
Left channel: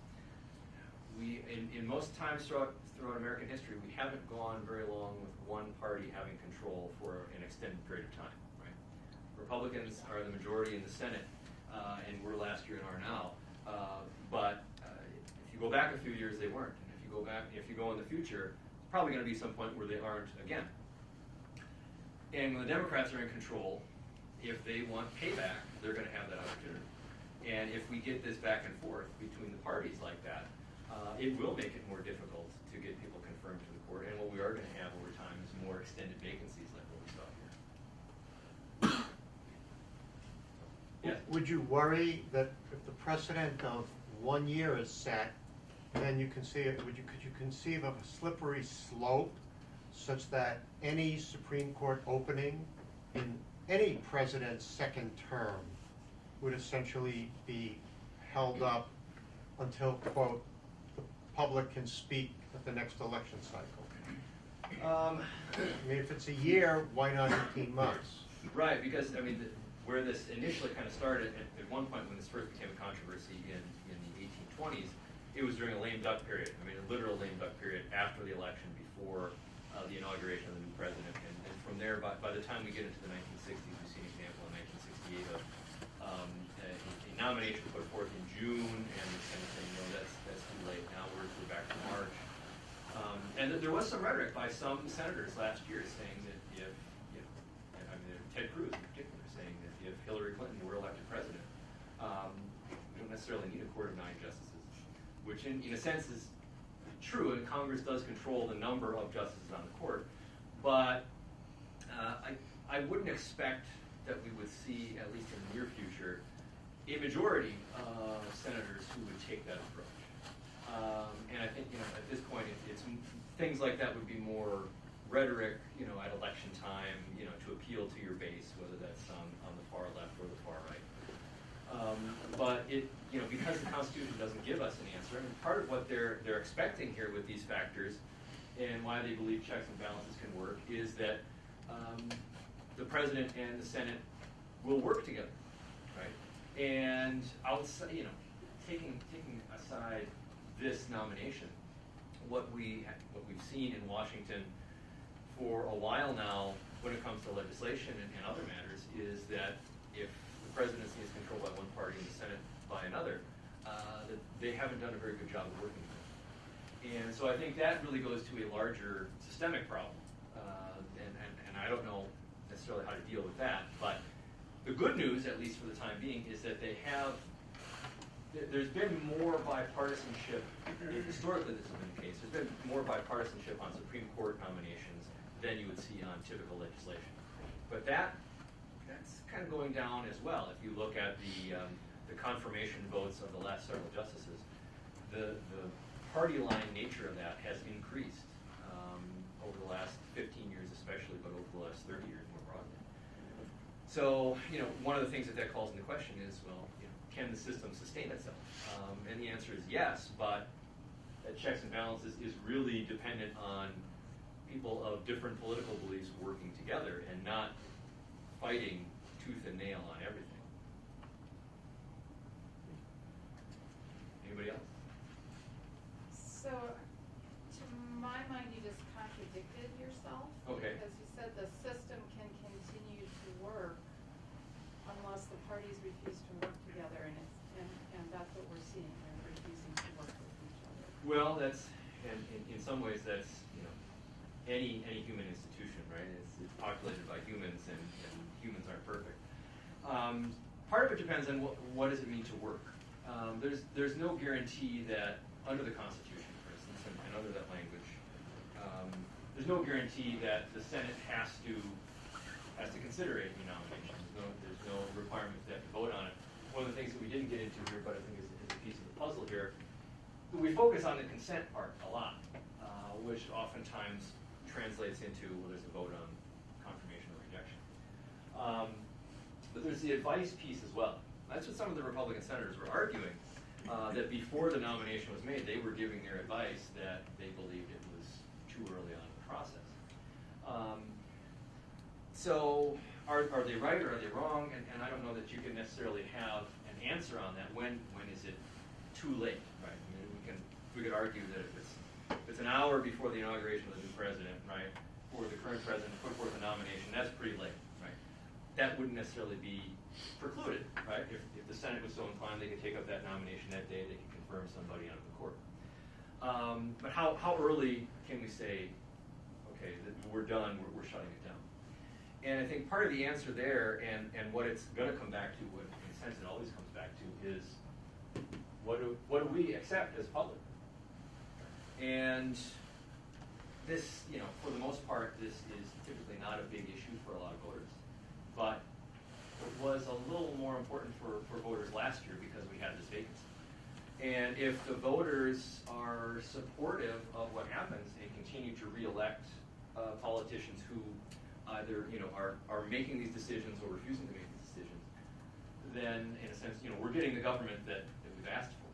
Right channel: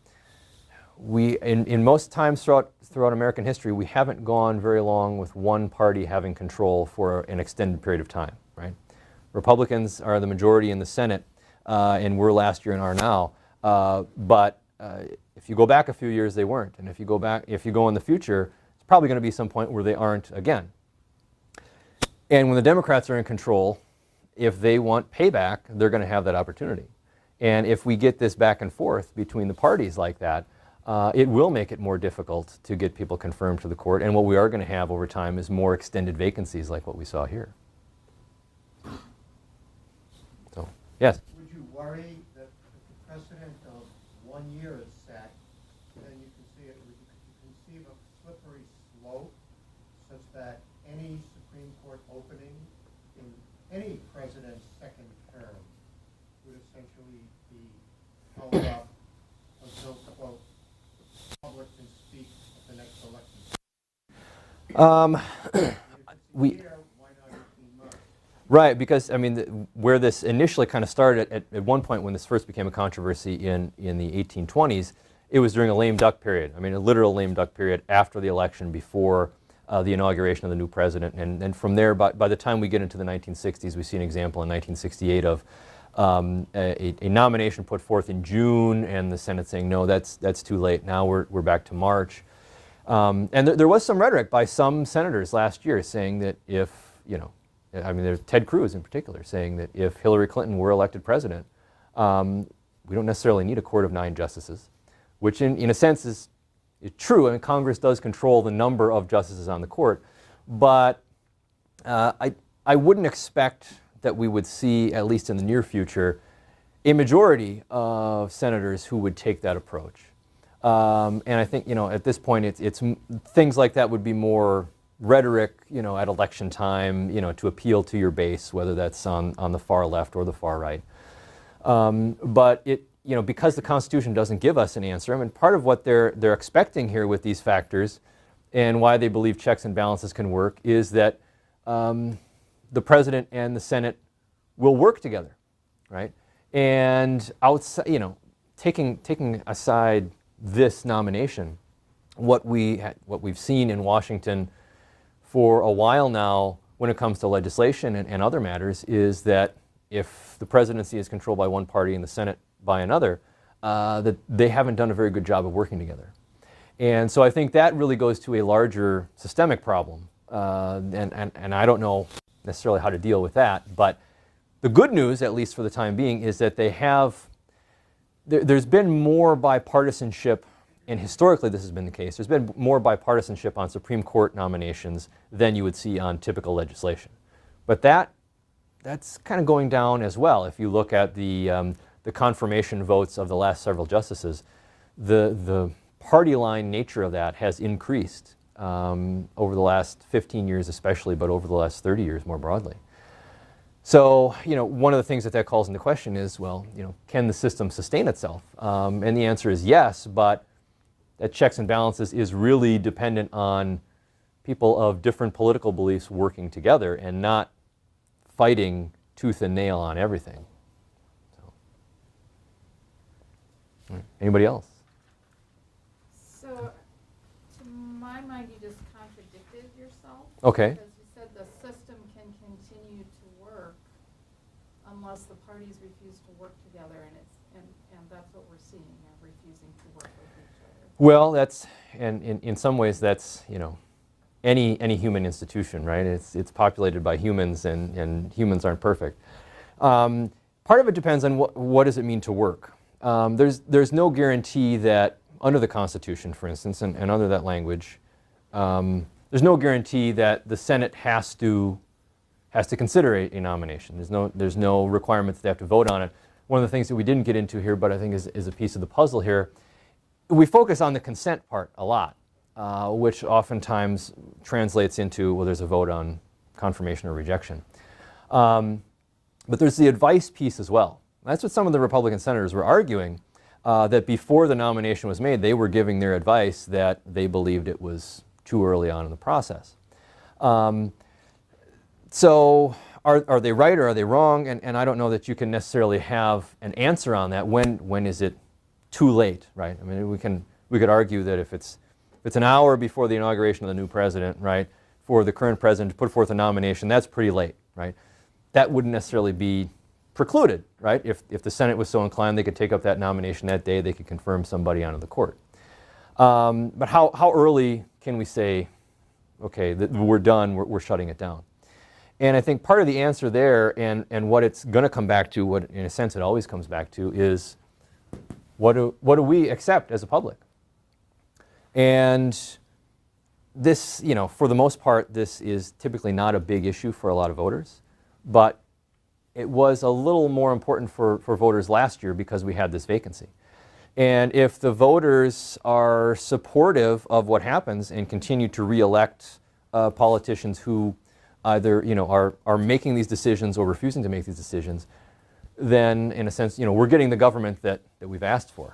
we, in most times throughout American history, we haven't gone very long with one party having control for an extended period of time, right? Republicans are the majority in the Senate, and were last year and are now. But if you go back a few years, they weren't. And if you go in the future, it's probably going to be some point where they aren't again. And when the Democrats are in control, if they want payback, they're going to have that opportunity. And if we get this back and forth between the parties like that, it will make it more difficult to get people confirmed to the court. And what we are going to have over time is more extended vacancies like what we saw here. So, yes? Would you worry that if the precedent of 1 year is set, then you conceive, could you conceive of a slippery slope such that any Supreme Court opening in any president's second term would essentially be held up until, quote, the public can speak at the next election cycle? I mean, if it's a year, why not 18 months? Right, because, I mean, where this initially kind of started, at one point when this first became a controversy in the 1820s, it was during a lame duck period. I mean, a literal lame duck period after the election, before the inauguration of the new president. And from there, by the time we get into the 1960s, we see an example in 1968 of a nomination put forth in June, and the Senate saying, no, that's too late. Now we're back to March. And there was some rhetoric by some senators last year saying that if, I mean, there's Ted Cruz in particular, saying that if Hillary Clinton were elected president, we don't necessarily need a court of 9 justices, which in a sense is true. I mean, Congress does control the number of justices on the court, but I wouldn't expect that we would see, at least in the near future, a majority of senators who would take that approach. And I think, at this point, it's things like that would be more rhetoric, at election time, to appeal to your base, whether that's on the far left or the far right. But because the Constitution doesn't give us an answer, I mean, part of what they're expecting here with these factors, and why they believe checks and balances can work, is that the president and the Senate will work together, right? And outside, taking aside this nomination, what we've seen in Washington for a while now when it comes to legislation and other matters is that if the presidency is controlled by one party and the Senate by another, that they haven't done a very good job of working together. And so I think that really goes to a larger systemic problem. And I don't know necessarily how to deal with that, but the good news, at least for the time being, is that there's been more bipartisanship, and historically this has been the case, there's been more bipartisanship on Supreme Court nominations than you would see on typical legislation. But that's kind of going down as well. If you look at the confirmation votes of the last several justices, the party line nature of that has increased over the last 15 years especially, but over the last 30 years more broadly. So, one of the things that calls into question is, well, can the system sustain itself? And the answer is yes, but that checks and balances is really dependent on people of different political beliefs working together and not fighting tooth and nail on everything. Anybody else? So, to my mind, you just contradicted yourself. Okay. Because you said the system can continue to work unless the parties refuse to work together, and that's what we're seeing, they're refusing to work with each other. Well, and in some ways that's, any human institution, right? It's populated by humans, and humans aren't perfect. Part of it depends on what does it mean to work. There's no guarantee that under the Constitution, for instance, and under that language, there's no guarantee that the Senate has to consider a nomination. There's no requirement that they have to vote on it. One of the things that we didn't get into here, but I think is a piece of the puzzle here, we focus on the consent part a lot, which oftentimes translates into, well, there's a vote on confirmation or rejection. But there's the advice piece as well. That's what some of the Republican senators were arguing, that before the nomination was made, they were giving their advice that they believed it was too early on in the process. So are they right or are they wrong? And I don't know that you can necessarily have an answer on that. When is it too late, right? I mean, we could argue that if it's an hour before the inauguration of the new president, right, for the current president to put forth a nomination, that's pretty late, right? That wouldn't necessarily be precluded, right? If the Senate was so inclined, they could take up that nomination that day, they could confirm somebody onto the court. But how early can we say, okay, we're done, we're shutting it down? And I think part of the answer there, and what it's going to come back to, what in a sense it always comes back to, is what do we accept as a public? And this, for the most part, this is typically not a big issue for a lot of voters, but it was a little more important for voters last year because we had this vacancy. And if the voters are supportive of what happens and continue to re-elect politicians who either are making these decisions or refusing to make these decisions, then in a sense, we're getting the government that we've asked for.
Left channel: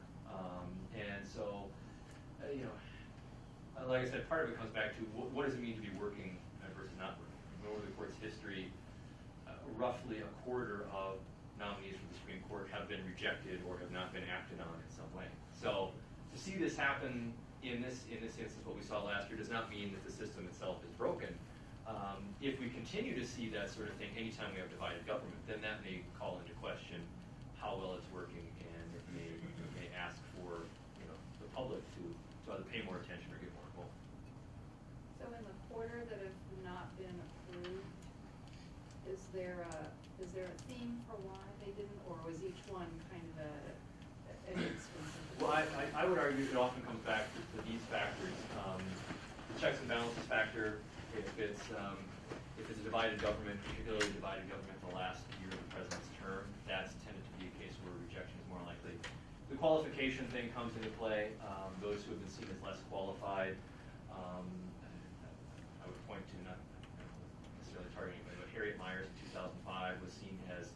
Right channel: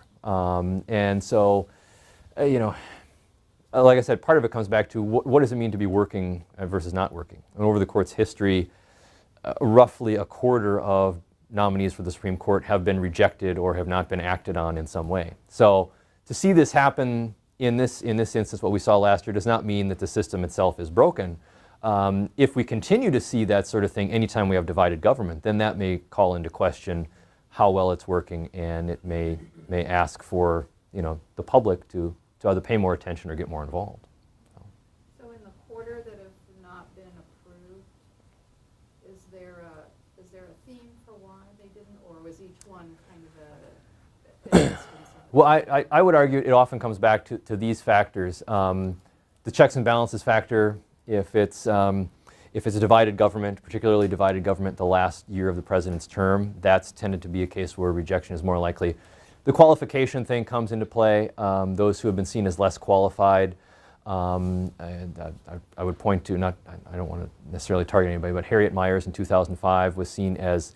And so, like I said, part of it comes back to what does it mean to be working versus not working. And over the court's history, roughly a quarter of nominees for the Supreme Court have been rejected or have not been acted on in some way. So to see this happen in this instance, what we saw last year, does not mean that the system itself is broken. If we continue to see that sort of thing anytime we have divided government, then that may call into question how well it's working, and it may ask for the public to either pay more attention or get more involved. So in the quarter that have not been approved, is there a theme for why they didn't, or was each one kind of a Well, I would argue it often comes back to these factors. The checks and balances factor, if it's a divided government, particularly divided government the last year of the president's term, that's tended to be a case where rejection is more likely. The qualification thing comes into play. Those who have been seen as less qualified, and I would point to, I don't want to necessarily target anybody, but Harriet Miers in 2005 was seen as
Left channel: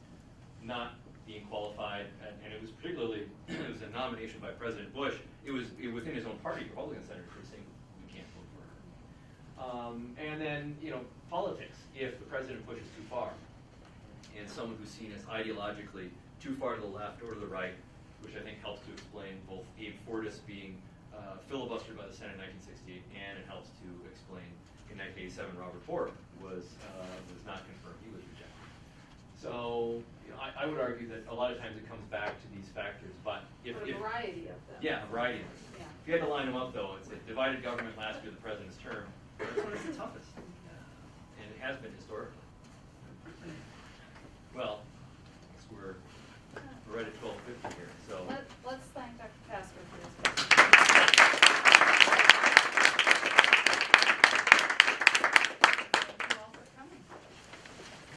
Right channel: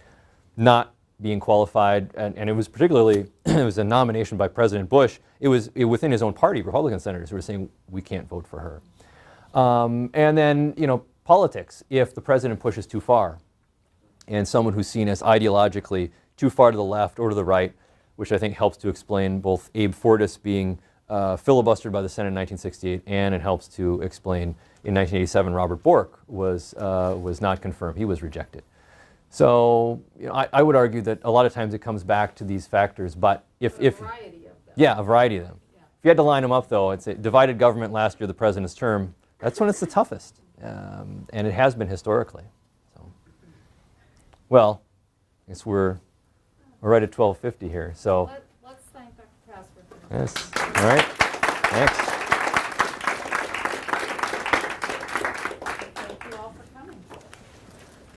not being qualified, and it was particularly, it was a nomination by President Bush. It was within his own party, Republican senators who were saying, we can't vote for her. And then, politics if the president pushes too far, and someone who's seen as ideologically too far to the left or to the right, which I think helps to explain both Abe Fortas being filibustered by the Senate in 1968, and it helps to explain in 1987 Robert Bork was not confirmed. He was rejected. So you know, I would argue that a lot of times it comes back to these factors, but if A variety of them. yeah, a variety of them. Yeah. If you had to line them up, though, it's a divided government last year, the president's term. That's when it's the toughest, and it has been historically. So. Well, I guess we're right at 12:50 here. So Let's thank Dr. Kasper for his yes.